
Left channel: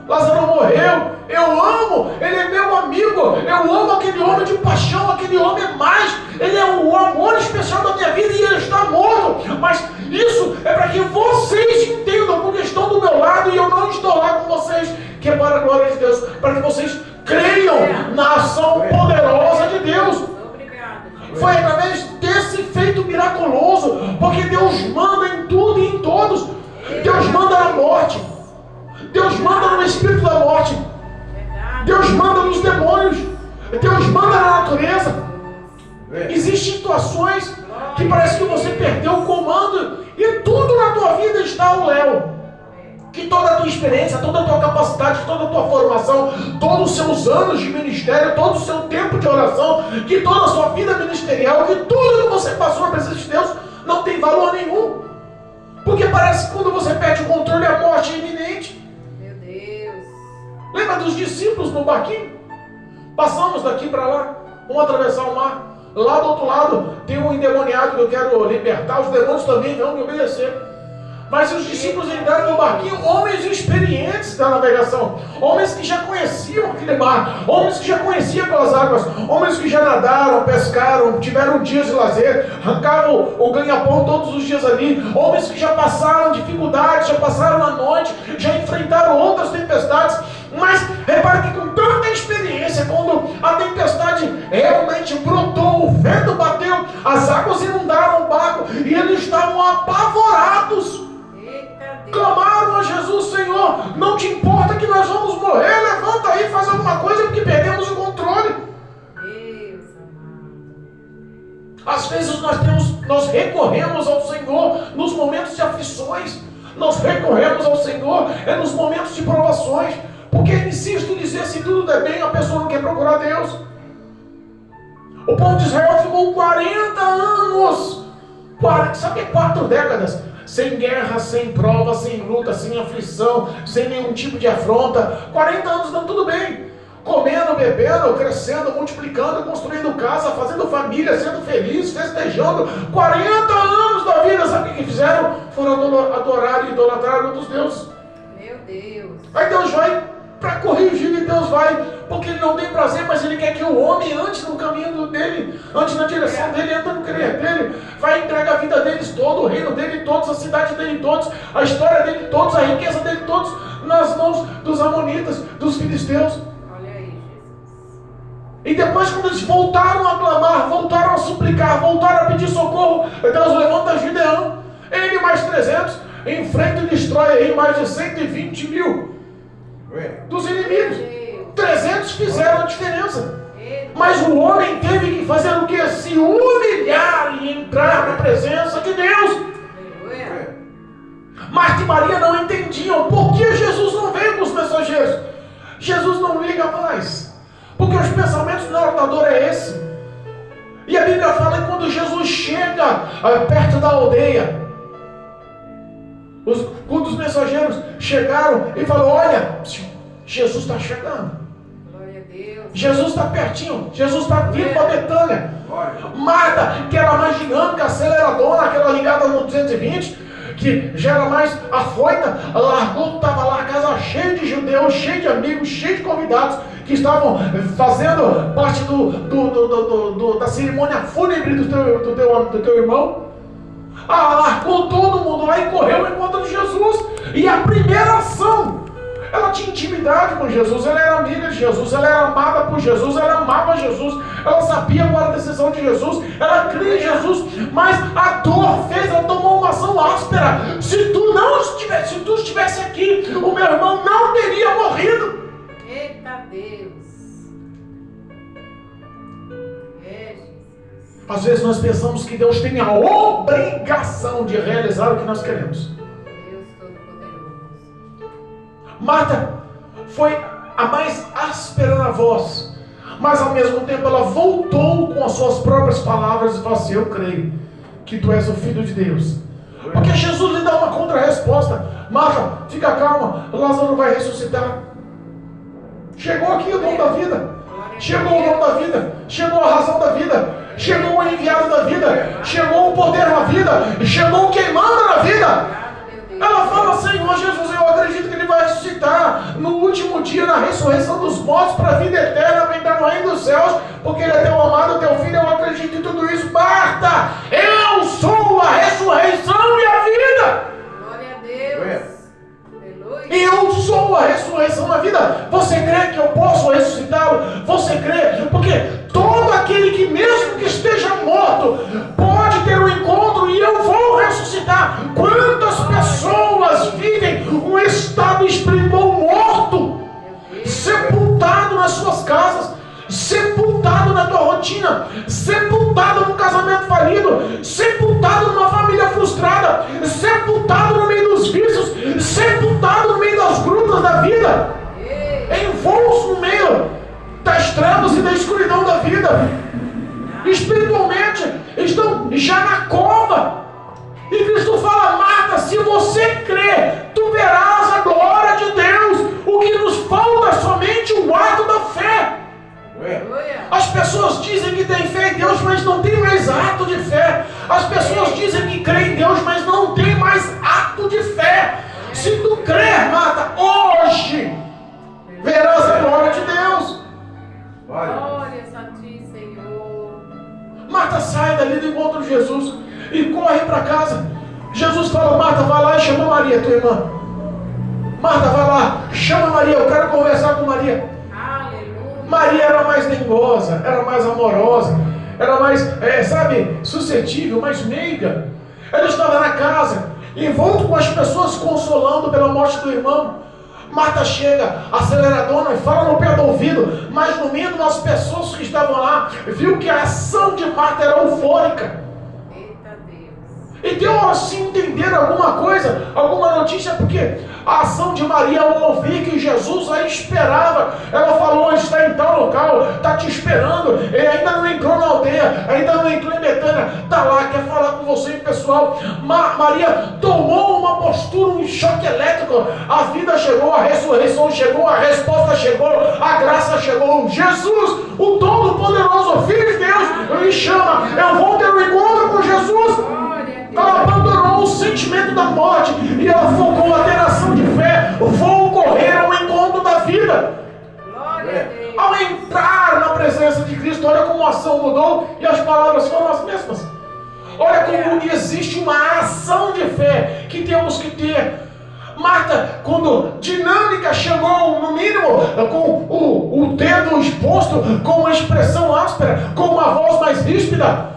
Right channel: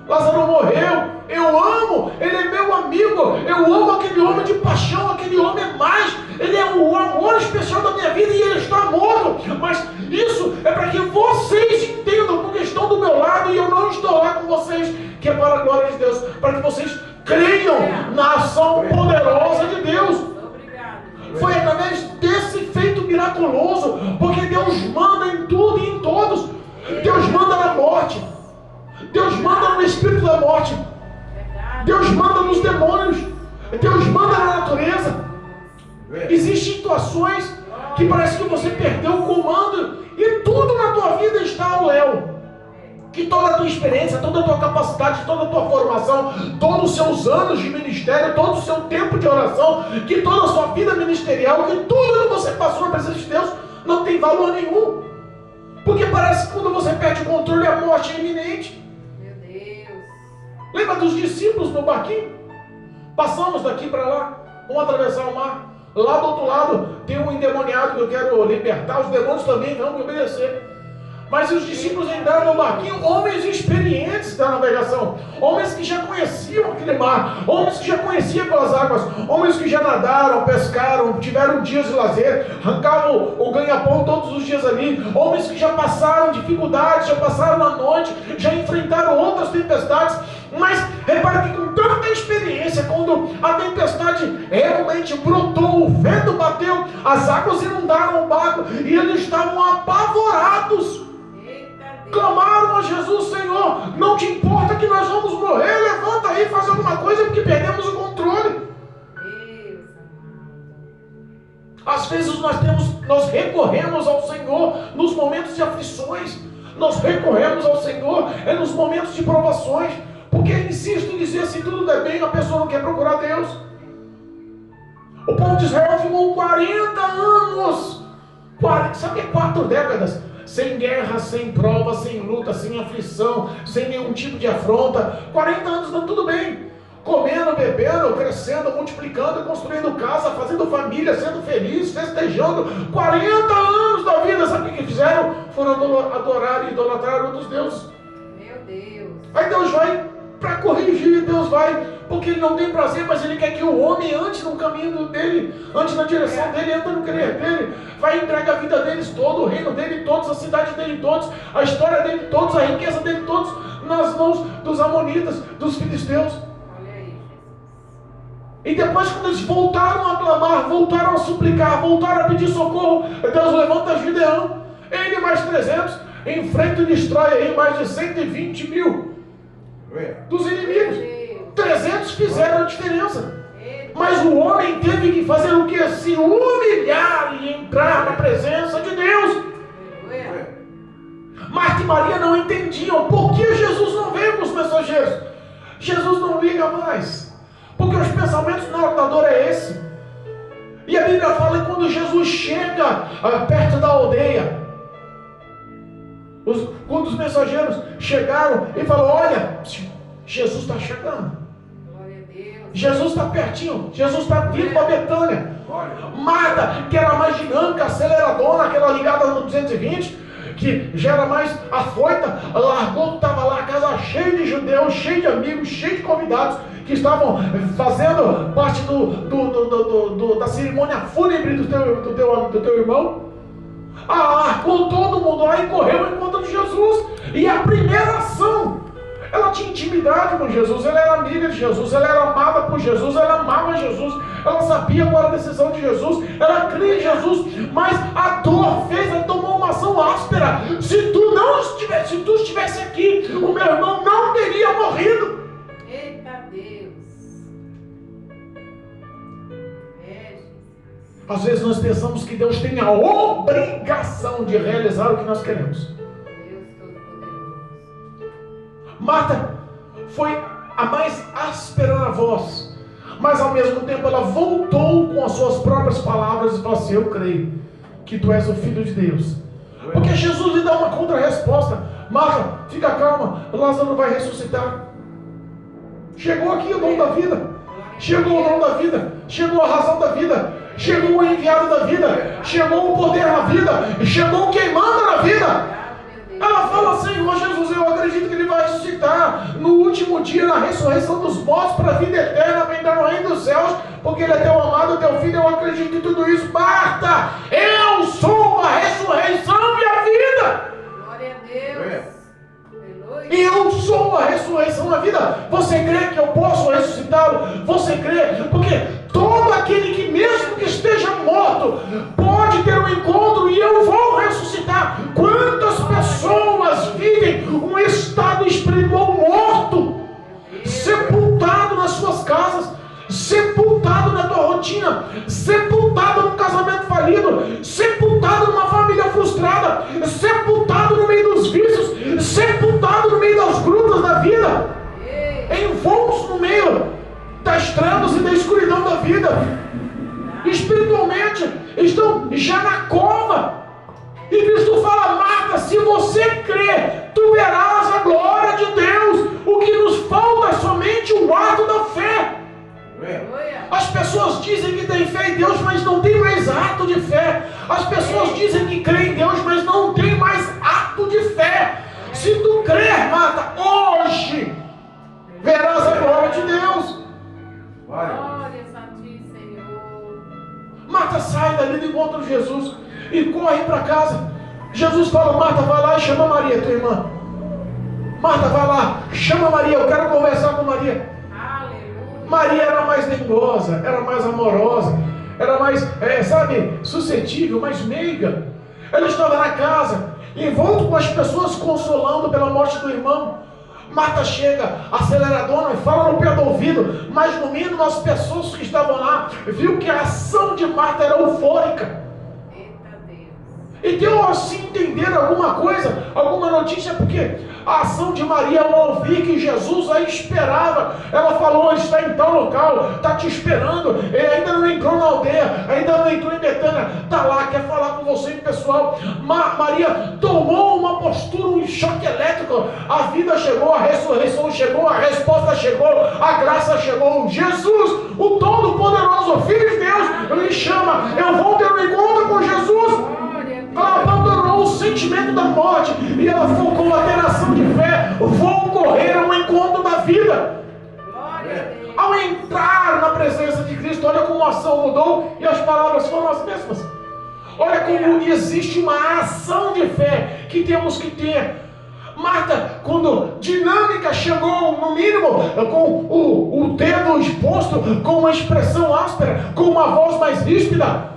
Lázaro morreu. Eu amo, ele é meu amigo, eu amo aquele homem de paixão, aquele homem mais, ele é o amor especial da minha vida e ele está morto, mas Isso é para que vocês entendam, porque estão do meu lado e eu não estou lá com vocês, que é para a glória de Deus, para que vocês creiam na ação poderosa de Deus. Obrigado. Foi através desse feito miraculoso, porque Deus manda em tudo e em todos. Deus manda na morte, Deus manda no espírito da morte, Deus manda nos demônios, Deus manda na natureza. Existem situações que parece que você perdeu o comando e tudo na tua vida está ao léu. Que toda a tua experiência, toda a tua capacidade, toda a tua formação, todos os seus anos de ministério, todo o seu tempo de oração, que toda a sua vida ministerial, que tudo que você passou na presença de Deus não tem valor nenhum. Porque parece que quando você perde o controle, a morte é iminente. Meu Deus. Lembra dos discípulos no barquinho? Passamos daqui para lá, vamos atravessar o mar. Lá do outro lado tem um endemoniado que eu quero libertar, os demônios também vão me obedecer. Mas os discípulos entraram no barquinho, homens experientes da navegação, homens que já conheciam aquele mar, homens que já conheciam aquelas águas, homens que já nadaram, pescaram, tiveram dias de lazer, arrancavam o ganha-pão todos os dias ali, homens que já passaram dificuldades, já passaram a noite, já enfrentaram outras tempestades. Mas repare que com tanta experiência, quando a tempestade realmente brotou, o vento bateu, as águas inundaram o barco e eles estavam apavorados. Clamaram a Jesus: Senhor, não te importa que nós vamos morrer? Levanta aí, faz alguma coisa, porque perdemos o controle. Deus amado. Às vezes nós recorremos ao Senhor nos momentos de aflições, nós recorremos ao Senhor nos momentos de provações, porque insisto em dizer, se tudo der bem, a pessoa não quer procurar Deus. O povo de Israel ficou 40 anos, sabe, 4 décadas, sem guerra, sem prova, sem luta, sem aflição, sem nenhum tipo de afronta. 40 anos dando tudo bem, comendo, bebendo, crescendo, multiplicando, construindo casa, fazendo família, sendo feliz, festejando. 40 anos da vida, sabe o que fizeram? Foram adorar e idolatrar outros deuses. Meu Deus. Aí Deus vai para corrigir, e Deus vai, porque Ele não tem prazer, mas Ele quer que o homem ande no caminho dele, ande na direção dele, ande no querer dele, vai entregar a vida deles todo, o reino dele todos, a cidade dele todos, a história dele todos, a riqueza dele todos, nas mãos dos amonitas, dos filisteus. Olha aí, Jesus. E depois, quando eles voltaram a clamar, voltaram a suplicar, voltaram a pedir socorro, Deus levanta Gideão, ele mais 300, enfrenta e destrói aí mais de 120 mil dos inimigos. 300 fizeram a diferença. Mas o homem teve que fazer o que? Se humilhar e entrar na presença de Deus. Marta e Maria não entendiam por que Jesus não veio com os mensageiros. Jesus não liga mais, porque os pensamentos do ordenador é esse. E a Bíblia fala que quando Jesus chega perto da aldeia, quando os mensageiros chegaram e falaram: olha, Jesus está chegando, Jesus está pertinho, Jesus está vindo para Betânia. Marta, que era mais dinâmica, aceleradora, aquela ligada no 220, que já era mais afoita, largou, estava lá a casa cheia de judeus, cheia de amigos, cheia de convidados que estavam fazendo parte da cerimônia fúnebre do teu irmão. Largou todo mundo lá e correu ao encontro de Jesus. E a primeira ação, ela tinha intimidade com Jesus, ela era amiga de Jesus, ela era amada por Jesus, ela amava Jesus, ela sabia qual era a decisão de Jesus, ela cria em Jesus, mas a dor fez ela tomar uma ação áspera. Se tu estivesse aqui, o meu irmão não teria morrido. Eita Deus. Às vezes nós pensamos que Deus tem a obrigação de realizar o que nós queremos. Deus Todo-Poderoso. Marta foi a mais áspera na voz, mas ao mesmo tempo ela voltou com as suas próprias palavras e falou assim: eu creio que tu és o Filho de Deus. Porque Jesus lhe dá uma contra-resposta: Marta, fica calma, Lázaro vai ressuscitar. Chegou aqui o dom da vida, chegou o dom da vida, chegou a razão da vida, chegou o enviado da vida, chegou o poder na vida, chegou o quem manda na vida. Ela fala: Senhor Jesus, eu acredito que Ele vai ressuscitar no último dia, na ressurreição dos mortos, para a vida eterna, para entrar no reino dos céus, porque Ele é teu amado, teu filho. Eu acredito em tudo isso. Marta, eu sou a ressurreição e a a ressurreição na vida. Você crê que eu posso ressuscitá-lo? Você crê? Porque todo aquele que mesmo que esteja morto pode ter um encontro e eu vou ressuscitar. Quantas pessoas vivem um estado espiritual morto, sepultado nas suas casas, sepultado na tua rotina, sepultado num casamento falido, sepultado numa família frustrada, sepultado no meio dos vícios, sepultado no meio das grutas da vida, envoltos no meio das trevas e da escuridão da vida. Espiritualmente estão já na cova. E Cristo fala: Marta, se você crê, tu verás a glória de Deus. O que nos falta é somente o ato da fé. As pessoas dizem que têm fé em Deus, mas não tem mais ato de fé. As pessoas dizem que creem em Deus, mas não tem mais ato de fé. Se tu crer, Marta, hoje verás a glória de Deus. Glória a ti, Senhor. Marta sai dali do encontro de Jesus e corre para casa. Jesus fala: Marta, vai lá e chama Maria, tua irmã. Marta, vai lá, chama Maria, eu quero conversar com Maria. Maria era mais dengosa, era mais amorosa, era mais, suscetível, mais meiga. Ela estava na casa, envolto com as pessoas, consolando pela morte do irmão. Marta chega, aceleradona, fala no pé do ouvido, mas no mínimo as pessoas que estavam lá viu que a ação de Marta era eufórica. E deu assim entender alguma coisa, alguma notícia, porque a ação de Maria ao ouvir que Jesus a esperava, ela falou: está em tal local, está te esperando, ele ainda não entrou na aldeia, ainda não entrou em Betânia, está lá, quer falar com você, pessoal. Maria tomou uma postura, um choque elétrico. A vida chegou, a ressurreição chegou, a resposta chegou, a graça chegou. Jesus, o Todo-Poderoso, Filho de Deus, lhe chama. Eu vou ter um encontro com Jesus. Ela abandonou o sentimento da morte e ela focou a ter ação de fé. Vou correr ao encontro da vida. Ao entrar na presença de Cristo, olha como a ação mudou e as palavras foram as mesmas. Olha como existe uma ação de fé que temos que ter. Marta, quando dinâmica, chegou no mínimo com o dedo exposto, com uma expressão áspera, com uma voz mais ríspida,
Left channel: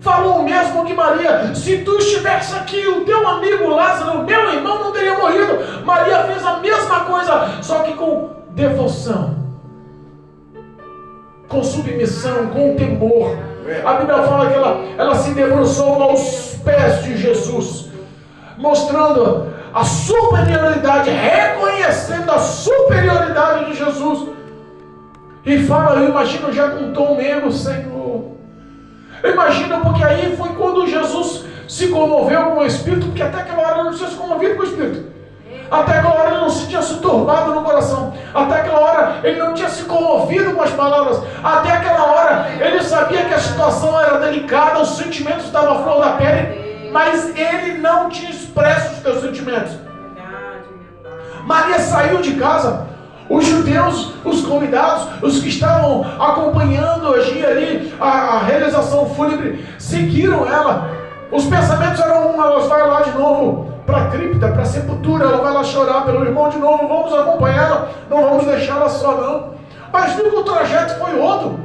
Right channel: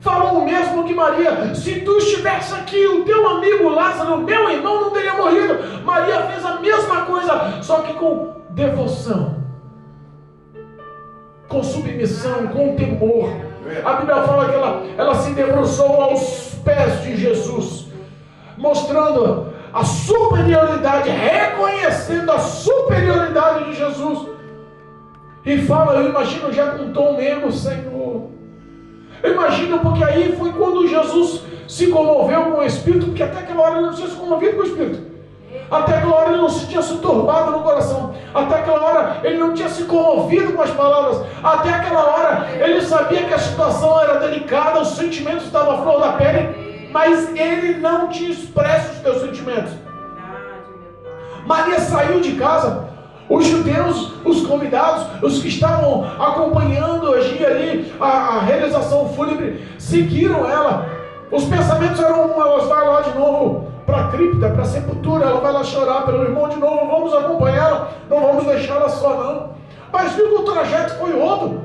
falou o mesmo que Maria: se tu estivesse aqui, o teu amigo Lázaro, meu irmão, não teria morrido. Maria fez a mesma coisa, só que com devoção, com submissão, com temor. A Bíblia fala que ela se debruçou aos pés de Jesus, mostrando a superioridade, reconhecendo a superioridade de Jesus. E fala, eu imagino já com um tom menos: Senhor. Eu imagino, porque aí foi quando Jesus se comoveu com o Espírito, porque até aquela hora ele não tinha se comovido com o Espírito. Até aquela hora ele não se tinha se turbado no coração. Até aquela hora ele não tinha se comovido com as palavras. Até aquela hora ele sabia que a situação era delicada, os sentimentos estavam à flor da pele, mas ele não tinha expresso os seus sentimentos. Maria saiu de casa. Os judeus, os convidados, os que estavam acompanhando hoje ali a realização fúnebre, seguiram ela. Os pensamentos eram: ela vai lá de novo para a cripta, para a sepultura, ela vai lá chorar pelo irmão de novo, vamos acompanhá-la, não vamos deixá-la só não. Mas viu que o trajeto foi outro.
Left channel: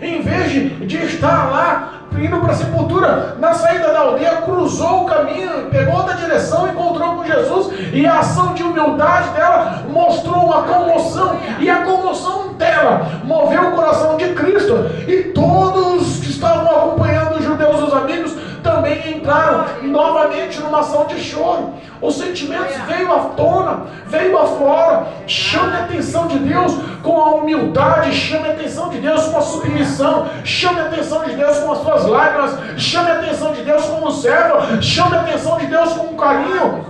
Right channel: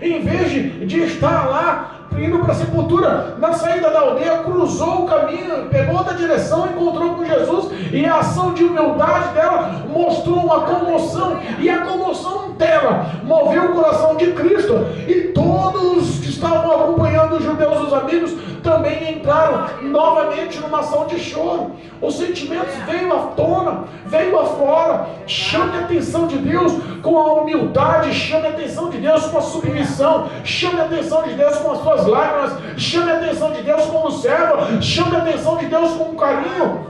Em vez de estar lá indo para a sepultura, na saída da aldeia, cruzou o caminho, pegou outra direção, encontrou com Jesus, e a ação de humildade dela mostrou uma comoção, e a comoção dela moveu o coração de Cristo, e todos que estavam acompanhando, os judeus, os amigos, também entraram novamente numa ação de choro. Os sentimentos veio à tona, veio afora. Chame a atenção de Deus com a humildade, chame a atenção de Deus com a submissão, chame a atenção de Deus com as suas lágrimas, chame a atenção de Deus como serva, chame a atenção de Deus com carinho.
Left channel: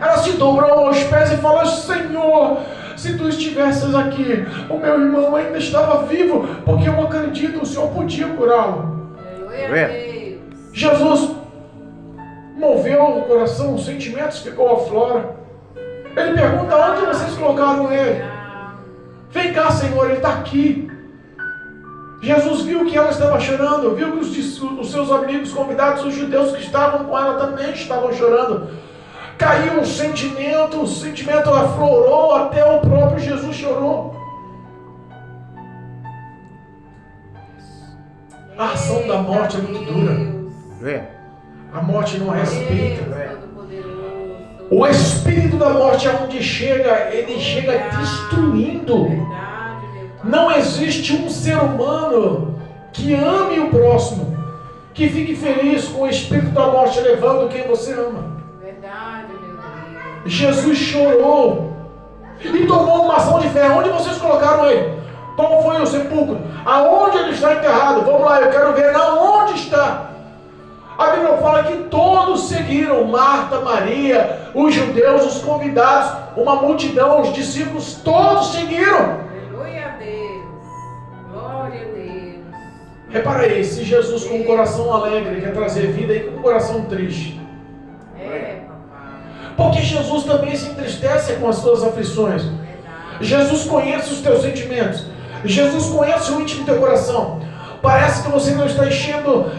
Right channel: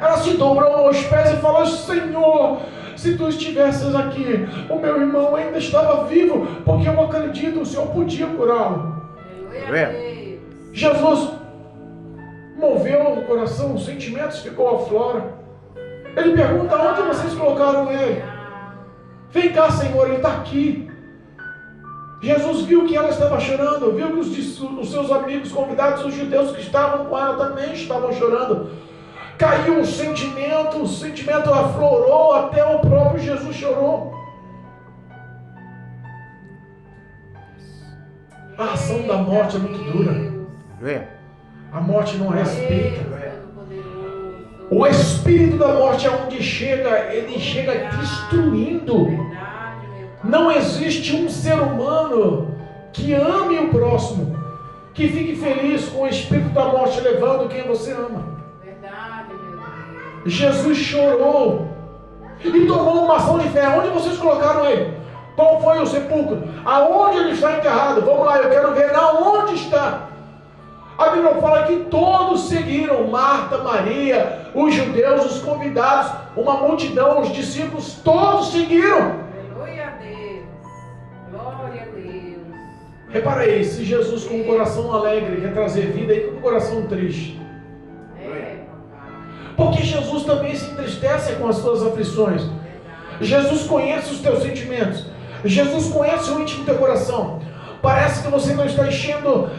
Ela se dobrou aos pés e falou: Senhor, se tu estivesses aqui, o meu irmão ainda estava vivo, porque eu acredito, o Senhor podia curá-lo. Jesus moveu o coração, os sentimentos ficou à flora. Ele pergunta: onde vocês colocaram ele? Vem cá, Senhor, ele está aqui. Jesus viu que ela estava chorando, viu que os seus amigos convidados, os judeus que estavam com ela, também estavam chorando. caiu o sentimento aflorou, até o próprio Jesus chorou. A ação da morte é muito dura. A morte não respeita. O espírito da morte, aonde chega, ele chega destruindo. Não existe um ser humano que ame o próximo, que fique feliz com o espírito da morte levando quem você ama. Jesus chorou e tomou uma ação de fé. Onde vocês colocaram ele? Qual foi o sepulcro? Aonde ele está enterrado? Vamos lá, eu quero ver aonde está. A Bíblia fala que todos seguiram, Marta, Maria, os judeus, os convidados, uma multidão, os discípulos, todos seguiram. Aleluia a Deus. Glória a Deus. Repara aí, se Jesus com um coração alegre quer trazer vida e com um coração triste. Porque Jesus também se entristece com as suas aflições. Jesus conhece os teus sentimentos. Jesus conhece o íntimo do teu coração. Parece que você não está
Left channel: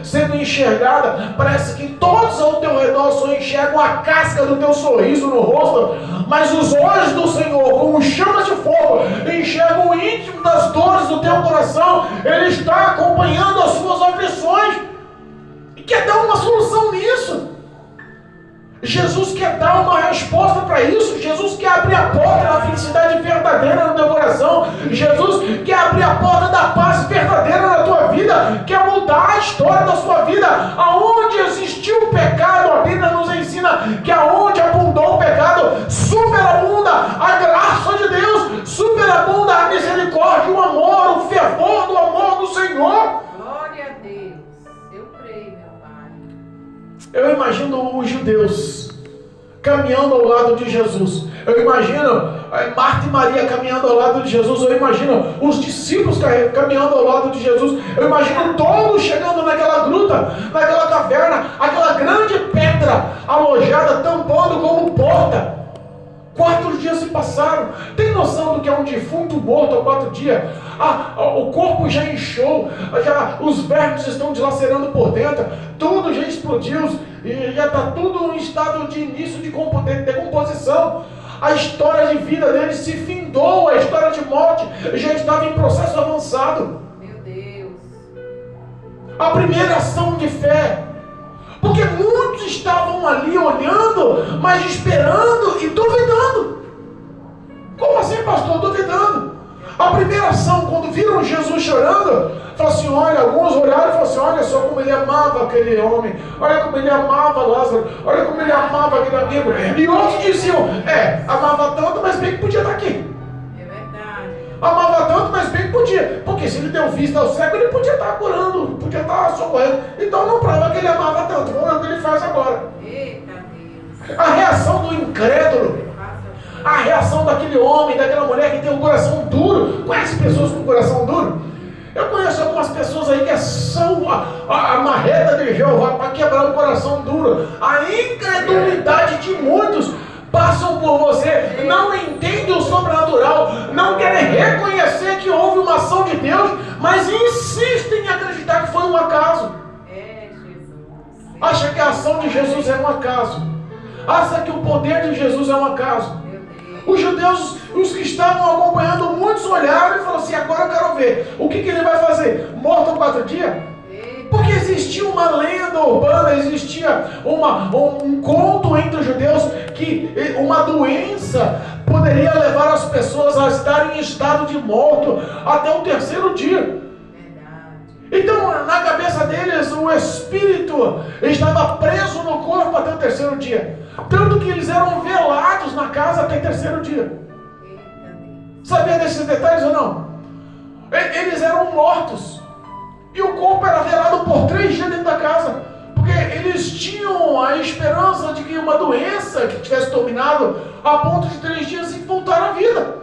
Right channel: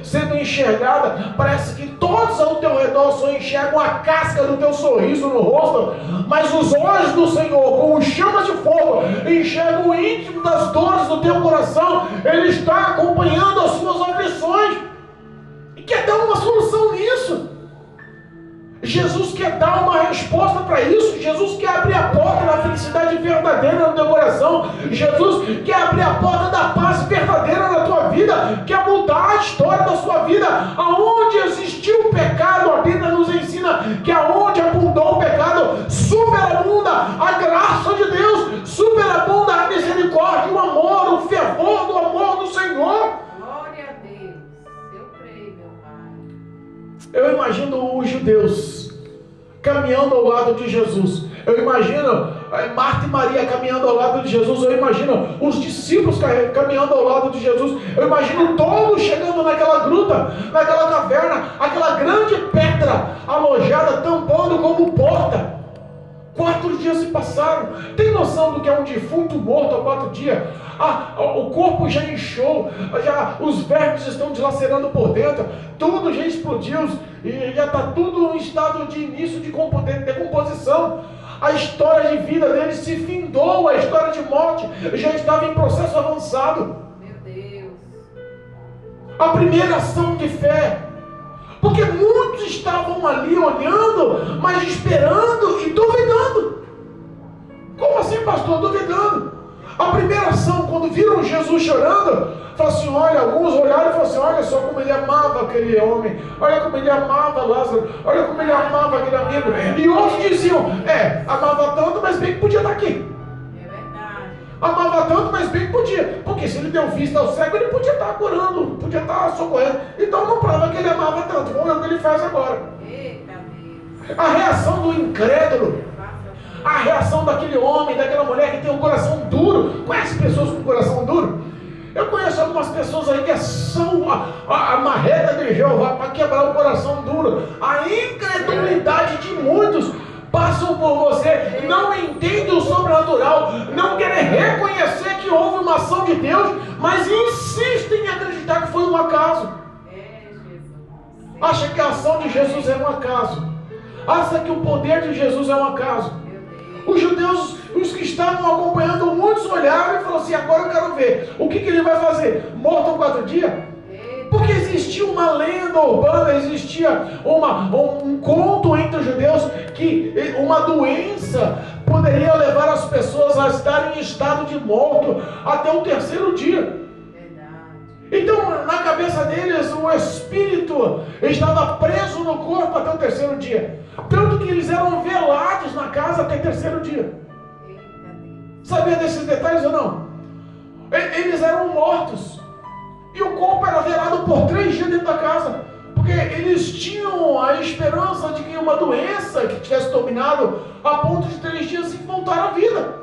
sendo enxergada. Parece que todos ao teu redor só enxergam a casca do teu sorriso no rosto. Mas os olhos do Senhor, como chamas de fogo, enxergam o íntimo das dores do teu coração. Ele está acompanhando as suas aflições e quer dar uma solução nisso. Jesus quer dar uma resposta para isso. Jesus quer abrir a porta da felicidade verdadeira no teu coração. Jesus quer abrir a porta da paz verdadeira na tua vida. Quer mudar a história da sua vida. Aonde existiu o pecado, a Bíblia nos ensina que aonde abundou o pecado, superabunda a graça de Deus, superabunda a misericórdia, o amor, o fervor do amor do Senhor. Glória a Deus. Eu creio, meu Pai. Eu imagino os judeus caminhando ao lado de Jesus. Eu imagino Marta e Maria caminhando ao lado de Jesus. Eu imagino os discípulos caminhando ao lado de Jesus. Eu imagino todos chegando naquela gruta, naquela caverna, aquela grande pedra alojada, tampando como porta. 4 dias se passaram. Tem noção do que é um defunto morto há 4 dias? O corpo já inchou, os vermes estão dilacerando por dentro, tudo já explodiu, e já está tudo em estado de início de decomposição. A história de vida dele se findou, a história de morte já estava em processo avançado. Meu Deus. A primeira ação de fé, porque muitos estavam ali olhando, mas esperando e duvidando. Como assim, pastor? Duvidando. A primeira ação, quando viram Jesus chorando, falaram assim, olha, alguns olharam e falaram assim, olha só como ele amava aquele homem, olha como ele amava Lázaro, olha como ele amava aquele amigo. E outros diziam, amava tanto, mas bem que podia estar aqui. É verdade. Amava tanto, mas bem que podia. Porque se ele deu vista ao cego, ele podia estar curando, podia estar socorrendo. Então não prova que ele amava tanto. Vamos ver o que ele faz agora. Eita Deus. A reação do incrédulo, a reação daquele homem, daquela mulher que tem um coração duro. Conhece pessoas com coração duro? Eu conheço algumas pessoas aí que são a marreta de Jeová para quebrar o coração duro. A incredulidade de muitos passam por você, não entendem o sobrenatural, não querem reconhecer que houve uma ação de Deus, mas insistem em acreditar que foi um acaso. Jesus. Acha que a ação de Jesus é um acaso. Acha que o poder de Jesus é um acaso. Os judeus, os que estavam acompanhando, muitos olharam e falaram assim, agora eu quero ver, o que ele vai fazer? Morto 4 dias? Porque existia uma lenda urbana, existia um conto entre os judeus que uma doença poderia levar as pessoas a estarem em estado de morto até o 3º dia. Então, na cabeça deles, o espírito estava preso no corpo até o 3º dia. Tanto que eles eram velados na casa até o 3º dia. Sabia desses detalhes ou não? Eles eram mortos. E o corpo era velado por 3 dias dentro da casa. Porque eles tinham a esperança de que uma doença que tivesse dominado a ponto de 3 dias voltar à vida.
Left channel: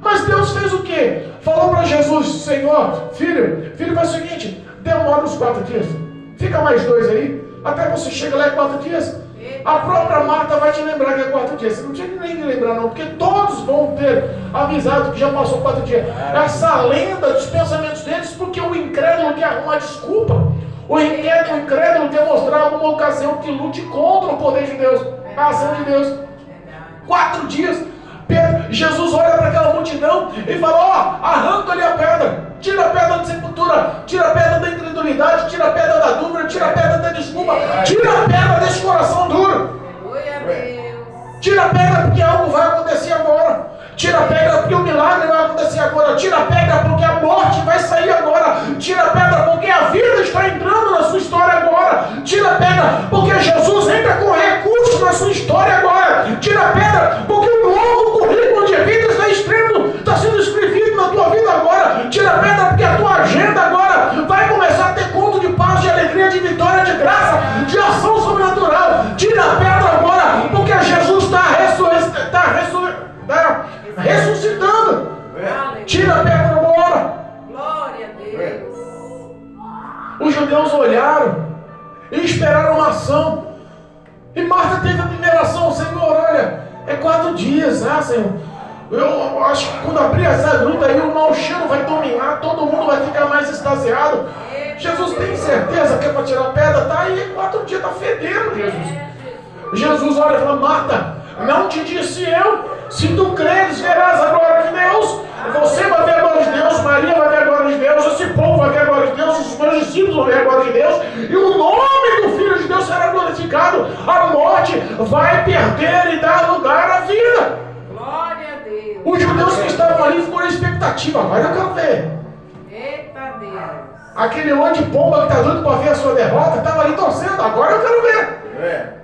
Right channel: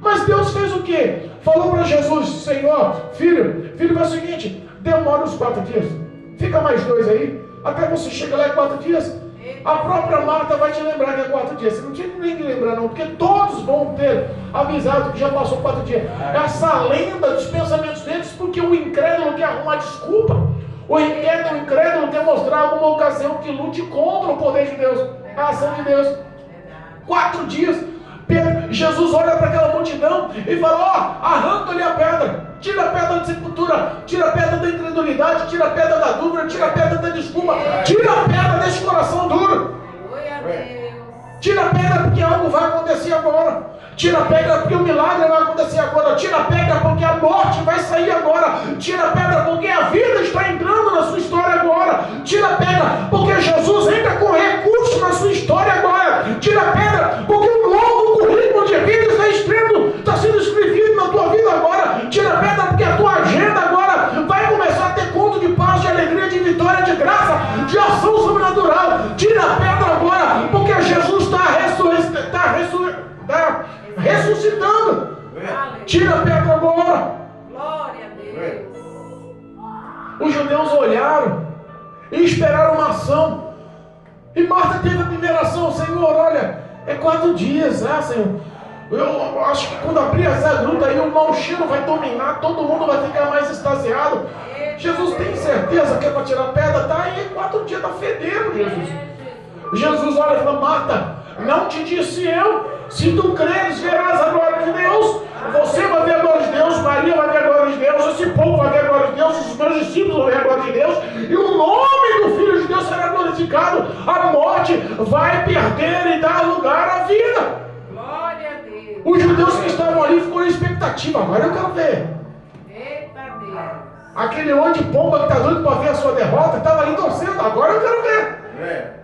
Mas Deus fez o quê? Falou para Jesus, Senhor, filho, faz o seguinte, demora uns 4 dias. Fica mais 2 aí, até você chega lá em 4 dias. A própria Marta vai te lembrar que é 4 dias. Você não tinha nem que lembrar não, porque todos vão ter avisado que já passou 4 dias. Essa lenda dos pensamentos deles, porque o incrédulo quer arrumar desculpa. O incrédulo quer mostrar alguma ocasião que lute contra o poder de Deus. É a ação de Deus. 4 dias. Jesus olha para aquela multidão e fala: arranca ali a pedra, tira a pedra da sepultura, tira a pedra da incredulidade, tira a pedra da dúvida, tira a pedra da desculpa, tira a pedra desse coração duro. Tira a pedra porque algo vai acontecer agora. Tira a pedra porque o milagre vai acontecer agora. Tira a pedra porque a morte vai sair agora. Tira a pedra porque a vida está entrando na sua história agora. Tira a pedra porque Jesus entra com recursos na sua história agora. Tira a pedra porque um novo currículo de vida está sendo escrevido na tua vida agora. Tira a pedra porque a tua agenda agora vai começar a ter conto de paz, de alegria, de vitória, de graça, de ação sobrenatural. Tira a pedra agora porque Jesus está ressuscitando. Tira a pedra agora. Glória a Deus. Os judeus olharam e esperaram uma ação. E Marta teve a primeira ação: Senhor, olha, é 4 dias, Senhor. Eu acho que quando abrir essa gruta aí, o mau cheiro vai dominar, todo mundo vai ficar mais extasiado. Jesus tem certeza que é para tirar a pedra? Tá aí, 4 dias, está fedendo, Jesus. Jesus olha e fala: Marta, não te disse eu? Se tu creres, verás a glória de Deus. Você vai ver a glória de Deus, Maria vai ver a glória de Deus, esse povo vai ver a glória de Deus, os meus discípulos vão ver a glória de Deus, e o nome do Filho de Deus será glorificado. A morte vai perder e dar lugar à vida. Glória a Deus. Os judeus que estavam ali ficam na expectativa: agora eu quero ver. Eita Deus. Aquele olho de pomba que está doido para ver a sua derrota, estava ali torcendo: agora eu quero ver.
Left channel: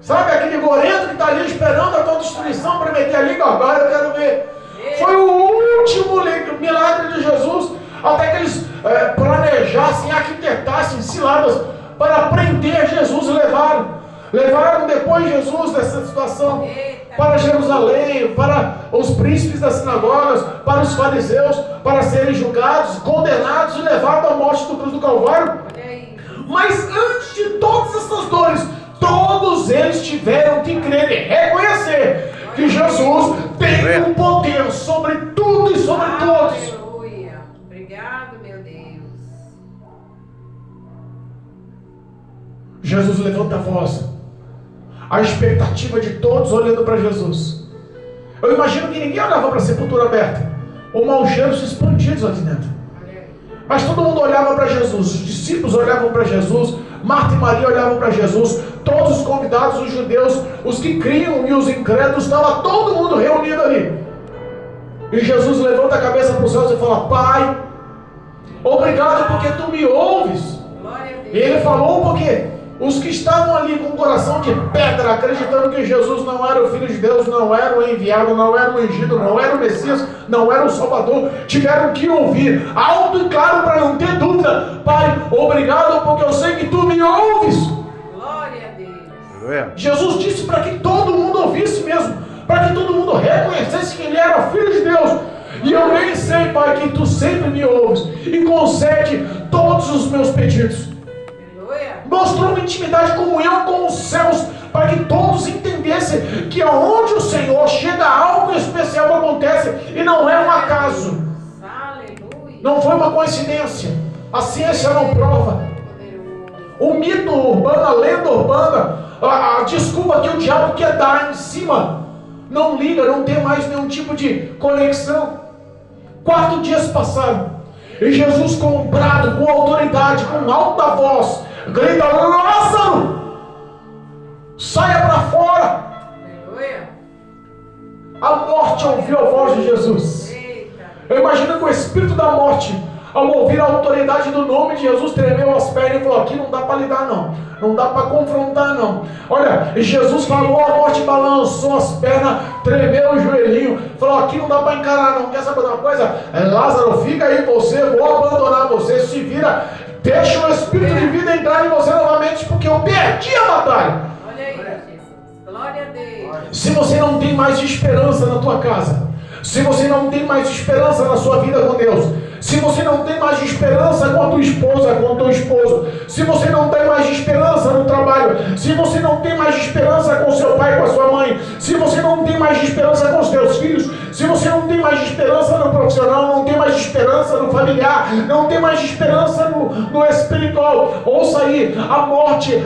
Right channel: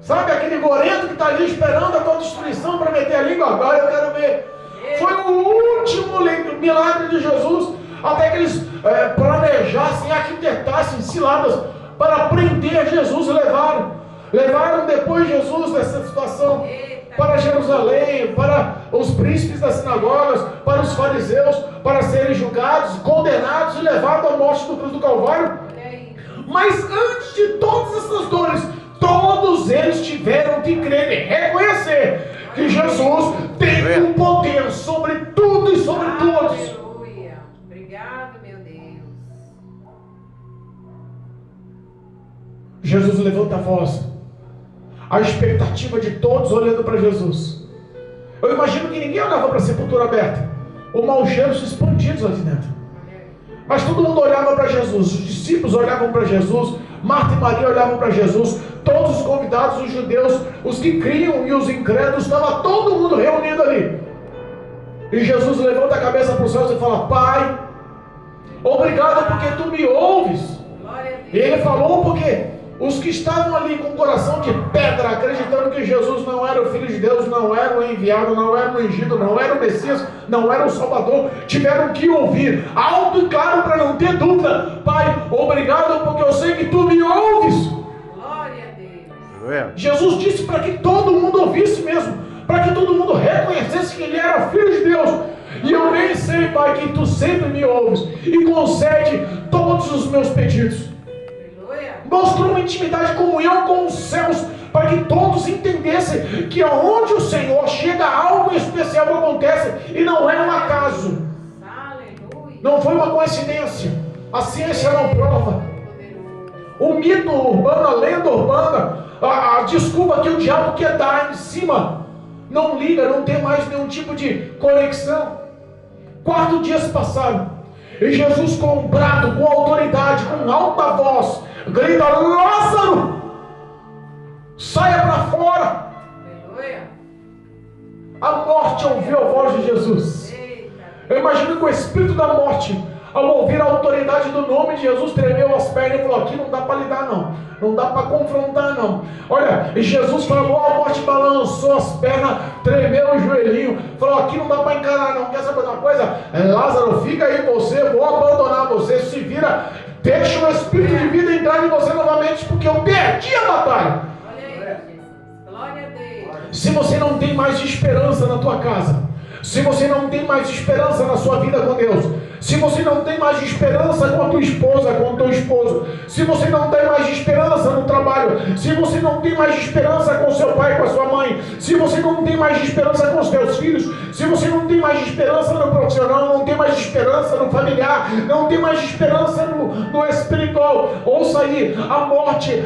Sabe aquele gorento que está ali esperando a tua destruição para meter a língua? Agora eu quero ver. Foi o último milagre de Jesus, até que eles planejassem, arquitetassem ciladas para prender Jesus e levaram depois Jesus dessa situação para Jerusalém, para os príncipes das sinagogas, para os fariseus, para serem julgados, condenados e levados à morte do cruz do Calvário. Mas antes de todas essas dores, todos eles tiveram que crer e reconhecer que Jesus tem o poder sobre tudo e sobre todos. Aleluia. Obrigado, meu Deus. Jesus levanta a voz. A expectativa de todos olhando para Jesus. Eu imagino que ninguém olhava para a sepultura aberta. Ou mau cheiros expandidos ali dentro. Mas todo mundo olhava para Jesus. Os discípulos olhavam para Jesus. Marta e Maria olhavam para Jesus. Todos os convidados, os judeus, os que criam e os incrédulos, estava todo mundo reunido ali. E Jesus levanta a cabeça para os céus e fala: Pai, obrigado porque tu me ouves. E ele falou porque os que estavam ali com o coração de pedra, acreditando que Jesus não era o Filho de Deus, não era o enviado, não era o ungido, não era o Messias, não era o Salvador, tiveram que ouvir alto e claro para não ter dúvida: Pai, obrigado porque eu sei que tu me ouves. Glória a Deus. Jesus disse para que todo mundo ouvisse mesmo, para que todo mundo reconhecesse que ele era o Filho de Deus. E eu bem sei, Pai, que tu sempre me ouves e concede todos os meus pedidos. Mostrou uma intimidade, comunhão com os céus, para que todos entendessem que aonde o Senhor chega, algo especial acontece, e não é um acaso. Não foi uma coincidência. A ciência não prova. O mito urbano, a lenda urbana, a desculpa que o diabo quer dar em cima, não liga, não tem mais nenhum tipo de conexão. 4 dias passaram, e Jesus, com brado, com autoridade, com alta voz, grita: Lázaro, saia para fora. A morte ouviu a voz de Jesus. Eu imagino que o espírito da morte, ao ouvir a autoridade do nome de Jesus, tremeu as pernas e falou: aqui não dá para lidar não, não dá para confrontar não. Olha, Jesus falou, a morte balançou as pernas, tremeu o joelhinho, falou: aqui não dá para encarar não. Quer saber uma coisa? Lázaro, fica aí você, vou abandonar você, se vira, deixa o espírito de vida entrar em você novamente, porque eu perdi a batalha. Olha aí, Jesus. Glória a Deus. Se você não tem mais esperança na tua casa, se você não tem mais esperança na sua vida com Deus, se você não tem mais esperança com a tua esposa, com o teu esposo, se você não tem mais esperança no trabalho, se você não tem mais esperança com o seu pai, com a sua mãe, se você não tem mais esperança com os teus filhos, Se você não tem mais esperança no profissional, não tem mais esperança no familiar, não tem mais esperança no espiritual, ouça aí, a morte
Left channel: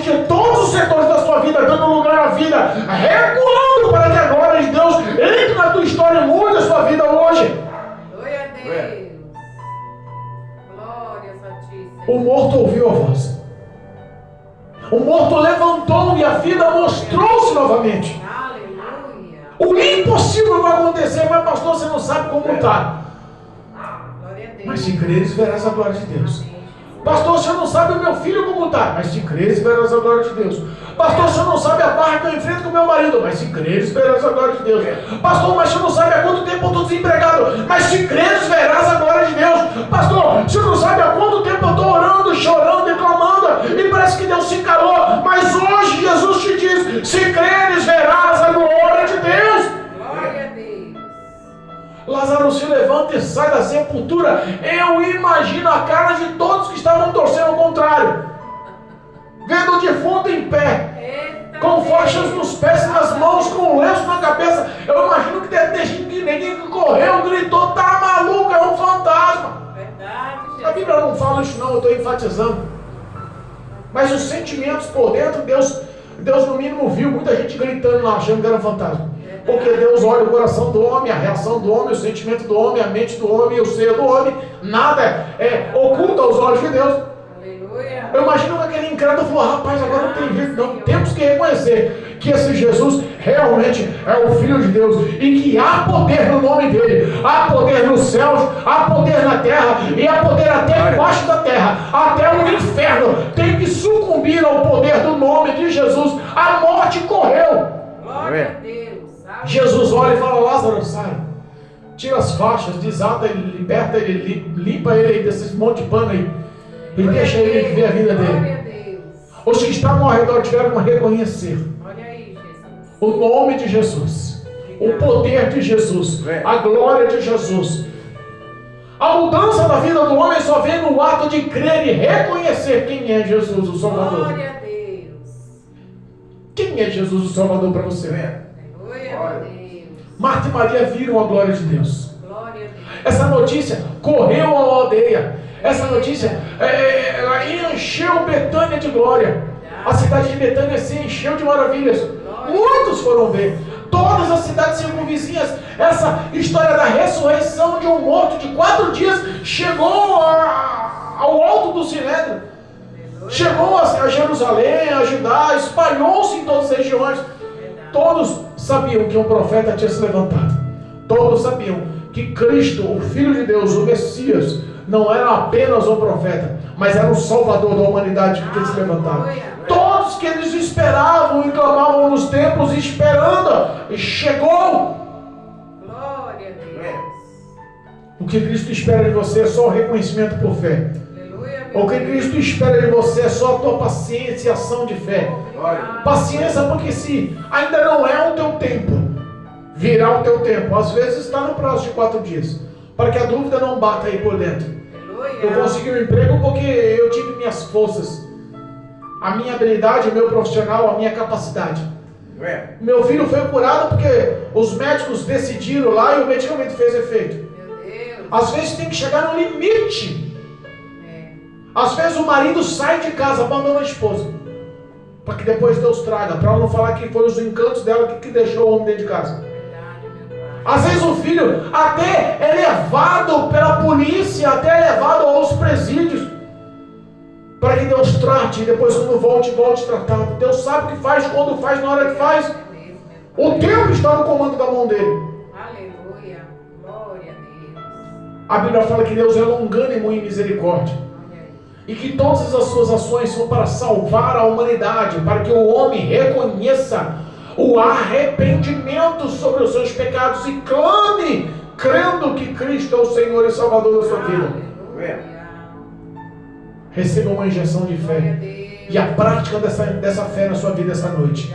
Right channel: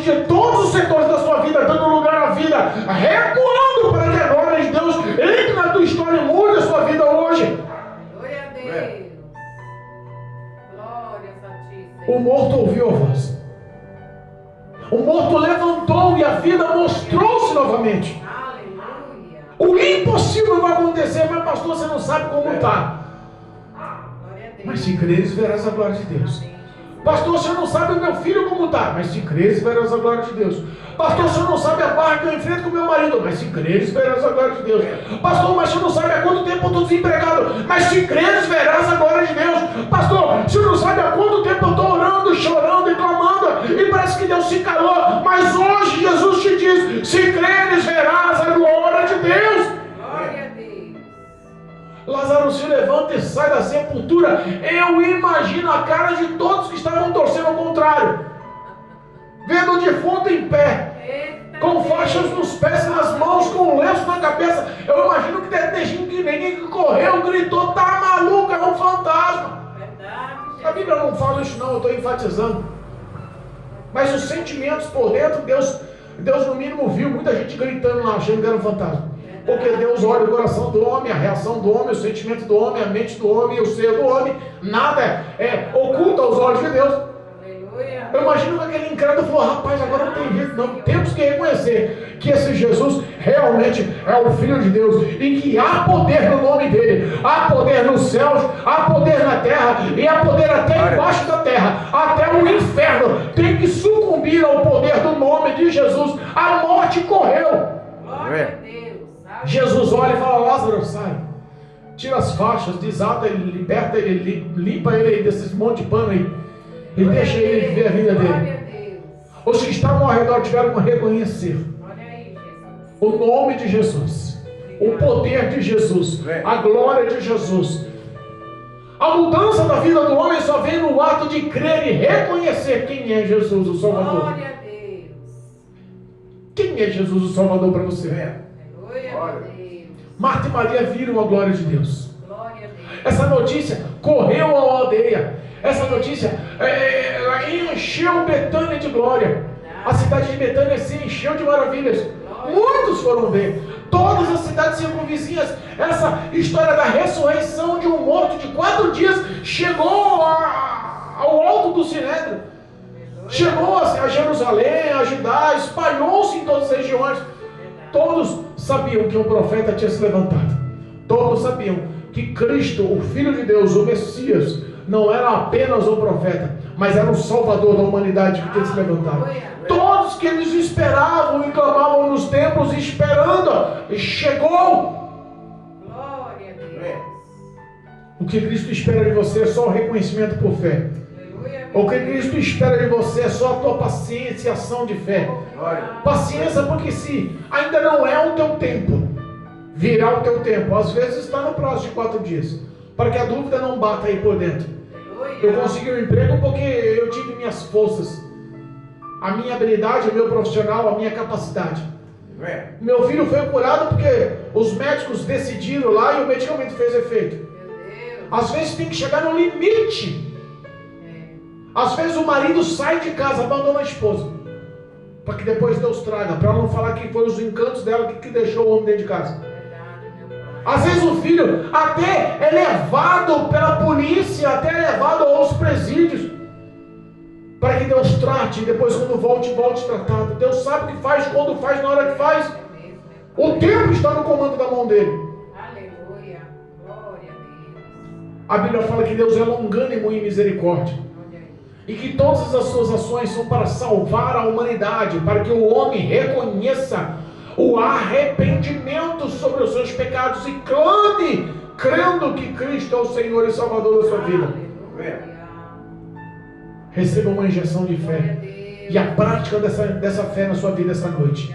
de todos os setores da sua vida, dando lugar à vida, recuando para que a glória de Deus entre na tua história e mude a sua vida hoje. Glória a Deus. Glória Santíssima. O morto ouviu a voz. O morto levantou e a vida mostrou-se novamente. Aleluia. O impossível vai acontecer, mas pastor, você não sabe como está. Glória a Deus. Mas se creres, verás a glória de Deus. Pastor, você não sabe o meu filho como está, mas se creres, verás a glória de Deus. Pastor, você não sabe a barra que eu enfrento com meu marido, mas se creres, verás a glória de Deus. Pastor, mas você não sabe há quanto tempo eu estou desempregado, mas se creres, verás a glória de Deus. Pastor, você não sabe há quanto tempo eu estou orando, chorando e clamando, e parece que Deus se calou, mas hoje Jesus te diz, se creres, verás a glória de Deus. Glória a Deus. Lázaro se levanta e sai da sepultura. Eu imagino a cara de todos que estavam torcendo ao contrário, vendo o defunto em pé, Eita com Deus. faixas nos pés e nas mãos, com um lenço na cabeça. Eu imagino que deve ter gente que ninguém que correu, gritou, tá maluco, é um fantasma. Verdade, A Bíblia não fala isso não, eu estou enfatizando. Mas os sentimentos por dentro, Deus no mínimo viu muita gente gritando lá, achando que era um fantasma. Porque Deus olha o coração do homem, a reação do homem, o sentimento do homem, a mente do homem, o ser do homem. Nada é oculto aos olhos de Deus. Aleluia. Eu imagino que aquele incrédulo falou, rapaz, agora não tem jeito não. Temos que reconhecer que esse Jesus realmente é o Filho de Deus e que há poder no nome dele. Há poder nos céus, há poder na terra e há poder até embaixo da terra. Até o inferno tem que sucumbir ao poder do nome de Jesus. A morte correu. Glória a Deus. Jesus olha e fala, Lázaro, sai. Tira as faixas, desata ele, liberta ele, limpa ele desses monte de pano aí. E deixa ele viver a vida Glória dele. a Deus. Os que estavam ao redor tiveram que reconhecer Olha aí, Jesus. o nome de Jesus, o poder de Jesus, a glória de Jesus. A mudança da vida do homem só vem no ato de crer e reconhecer quem é Jesus, o Salvador. Glória a Deus. Quem é Jesus, o Salvador, para você? Aleluia a Deus. Marta e Maria viram a glória de Deus. Glória a Deus. Essa notícia correu à aldeia. Essa notícia encheu Betânia de glória. A cidade de Betânia se encheu de maravilhas. Muitos foram ver. Todas as cidades circunvizinhas. Essa história da ressurreição de um morto de 4 dias chegou ao alto do Sinédrio. Chegou a Jerusalém, a Judá, espalhou-se em todas as regiões. Todos sabiam que um profeta tinha se levantado. Todos sabiam que Cristo, o Filho de Deus, o Messias, não era apenas um profeta, mas era o Salvador da humanidade que tinha se levantado. Todos que eles esperavam e clamavam nos templos, esperando, e chegou. Glória a Deus. O que Cristo espera de você é só o reconhecimento por fé. Aleluia. O que Cristo espera de você é só a tua paciência e ação de fé. Paciência, porque se ainda não é o teu tempo, virá o teu tempo. Às vezes está no prazo de 4 dias, para que a dúvida não bata aí por dentro. Eu consegui um emprego porque eu tive minhas forças, a minha habilidade, o meu profissional, a minha capacidade. Meu filho foi curado porque os médicos decidiram lá e o medicamento fez efeito. Meu Deus. Às vezes tem que chegar no limite. Às vezes o marido sai de casa, abandona a esposa, para que depois Deus traga, para não falar que foi os encantos dela que deixou o homem dentro de casa. Às vezes o filho até é levado pela polícia, até é levado aos presídios, para que Deus trate, e depois quando volte tratado. Deus sabe o que faz, quando faz, na hora que faz. O tempo está no comando da mão dele. Aleluia. Glória a Deus. A Bíblia fala que Deus é longânimo em misericórdia, e que todas as suas ações são para salvar a humanidade, para que o homem reconheça o arrependimento sobre os seus pecados e clame, crendo que Cristo é o Senhor e Salvador da sua vida. Receba uma injeção de fé e a prática dessa fé na sua vida essa noite,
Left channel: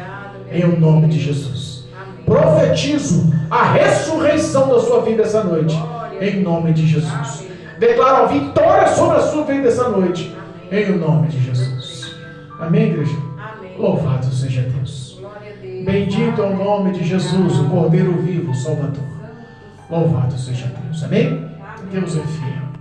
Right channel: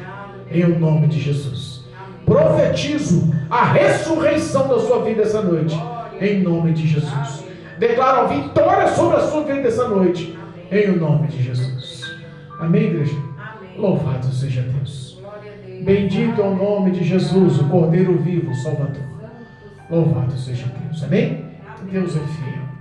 em o nome de Jesus. Profetizo a ressurreição da sua vida essa noite, em nome de Jesus. Declaro a vitória sobre a sua vida essa noite, em o nome de Jesus. Amém, igreja? Louvado seja Deus. Bendito é o nome de Jesus, o Cordeiro vivo, Salvador. Louvado seja Deus. Amém? Deus é fiel.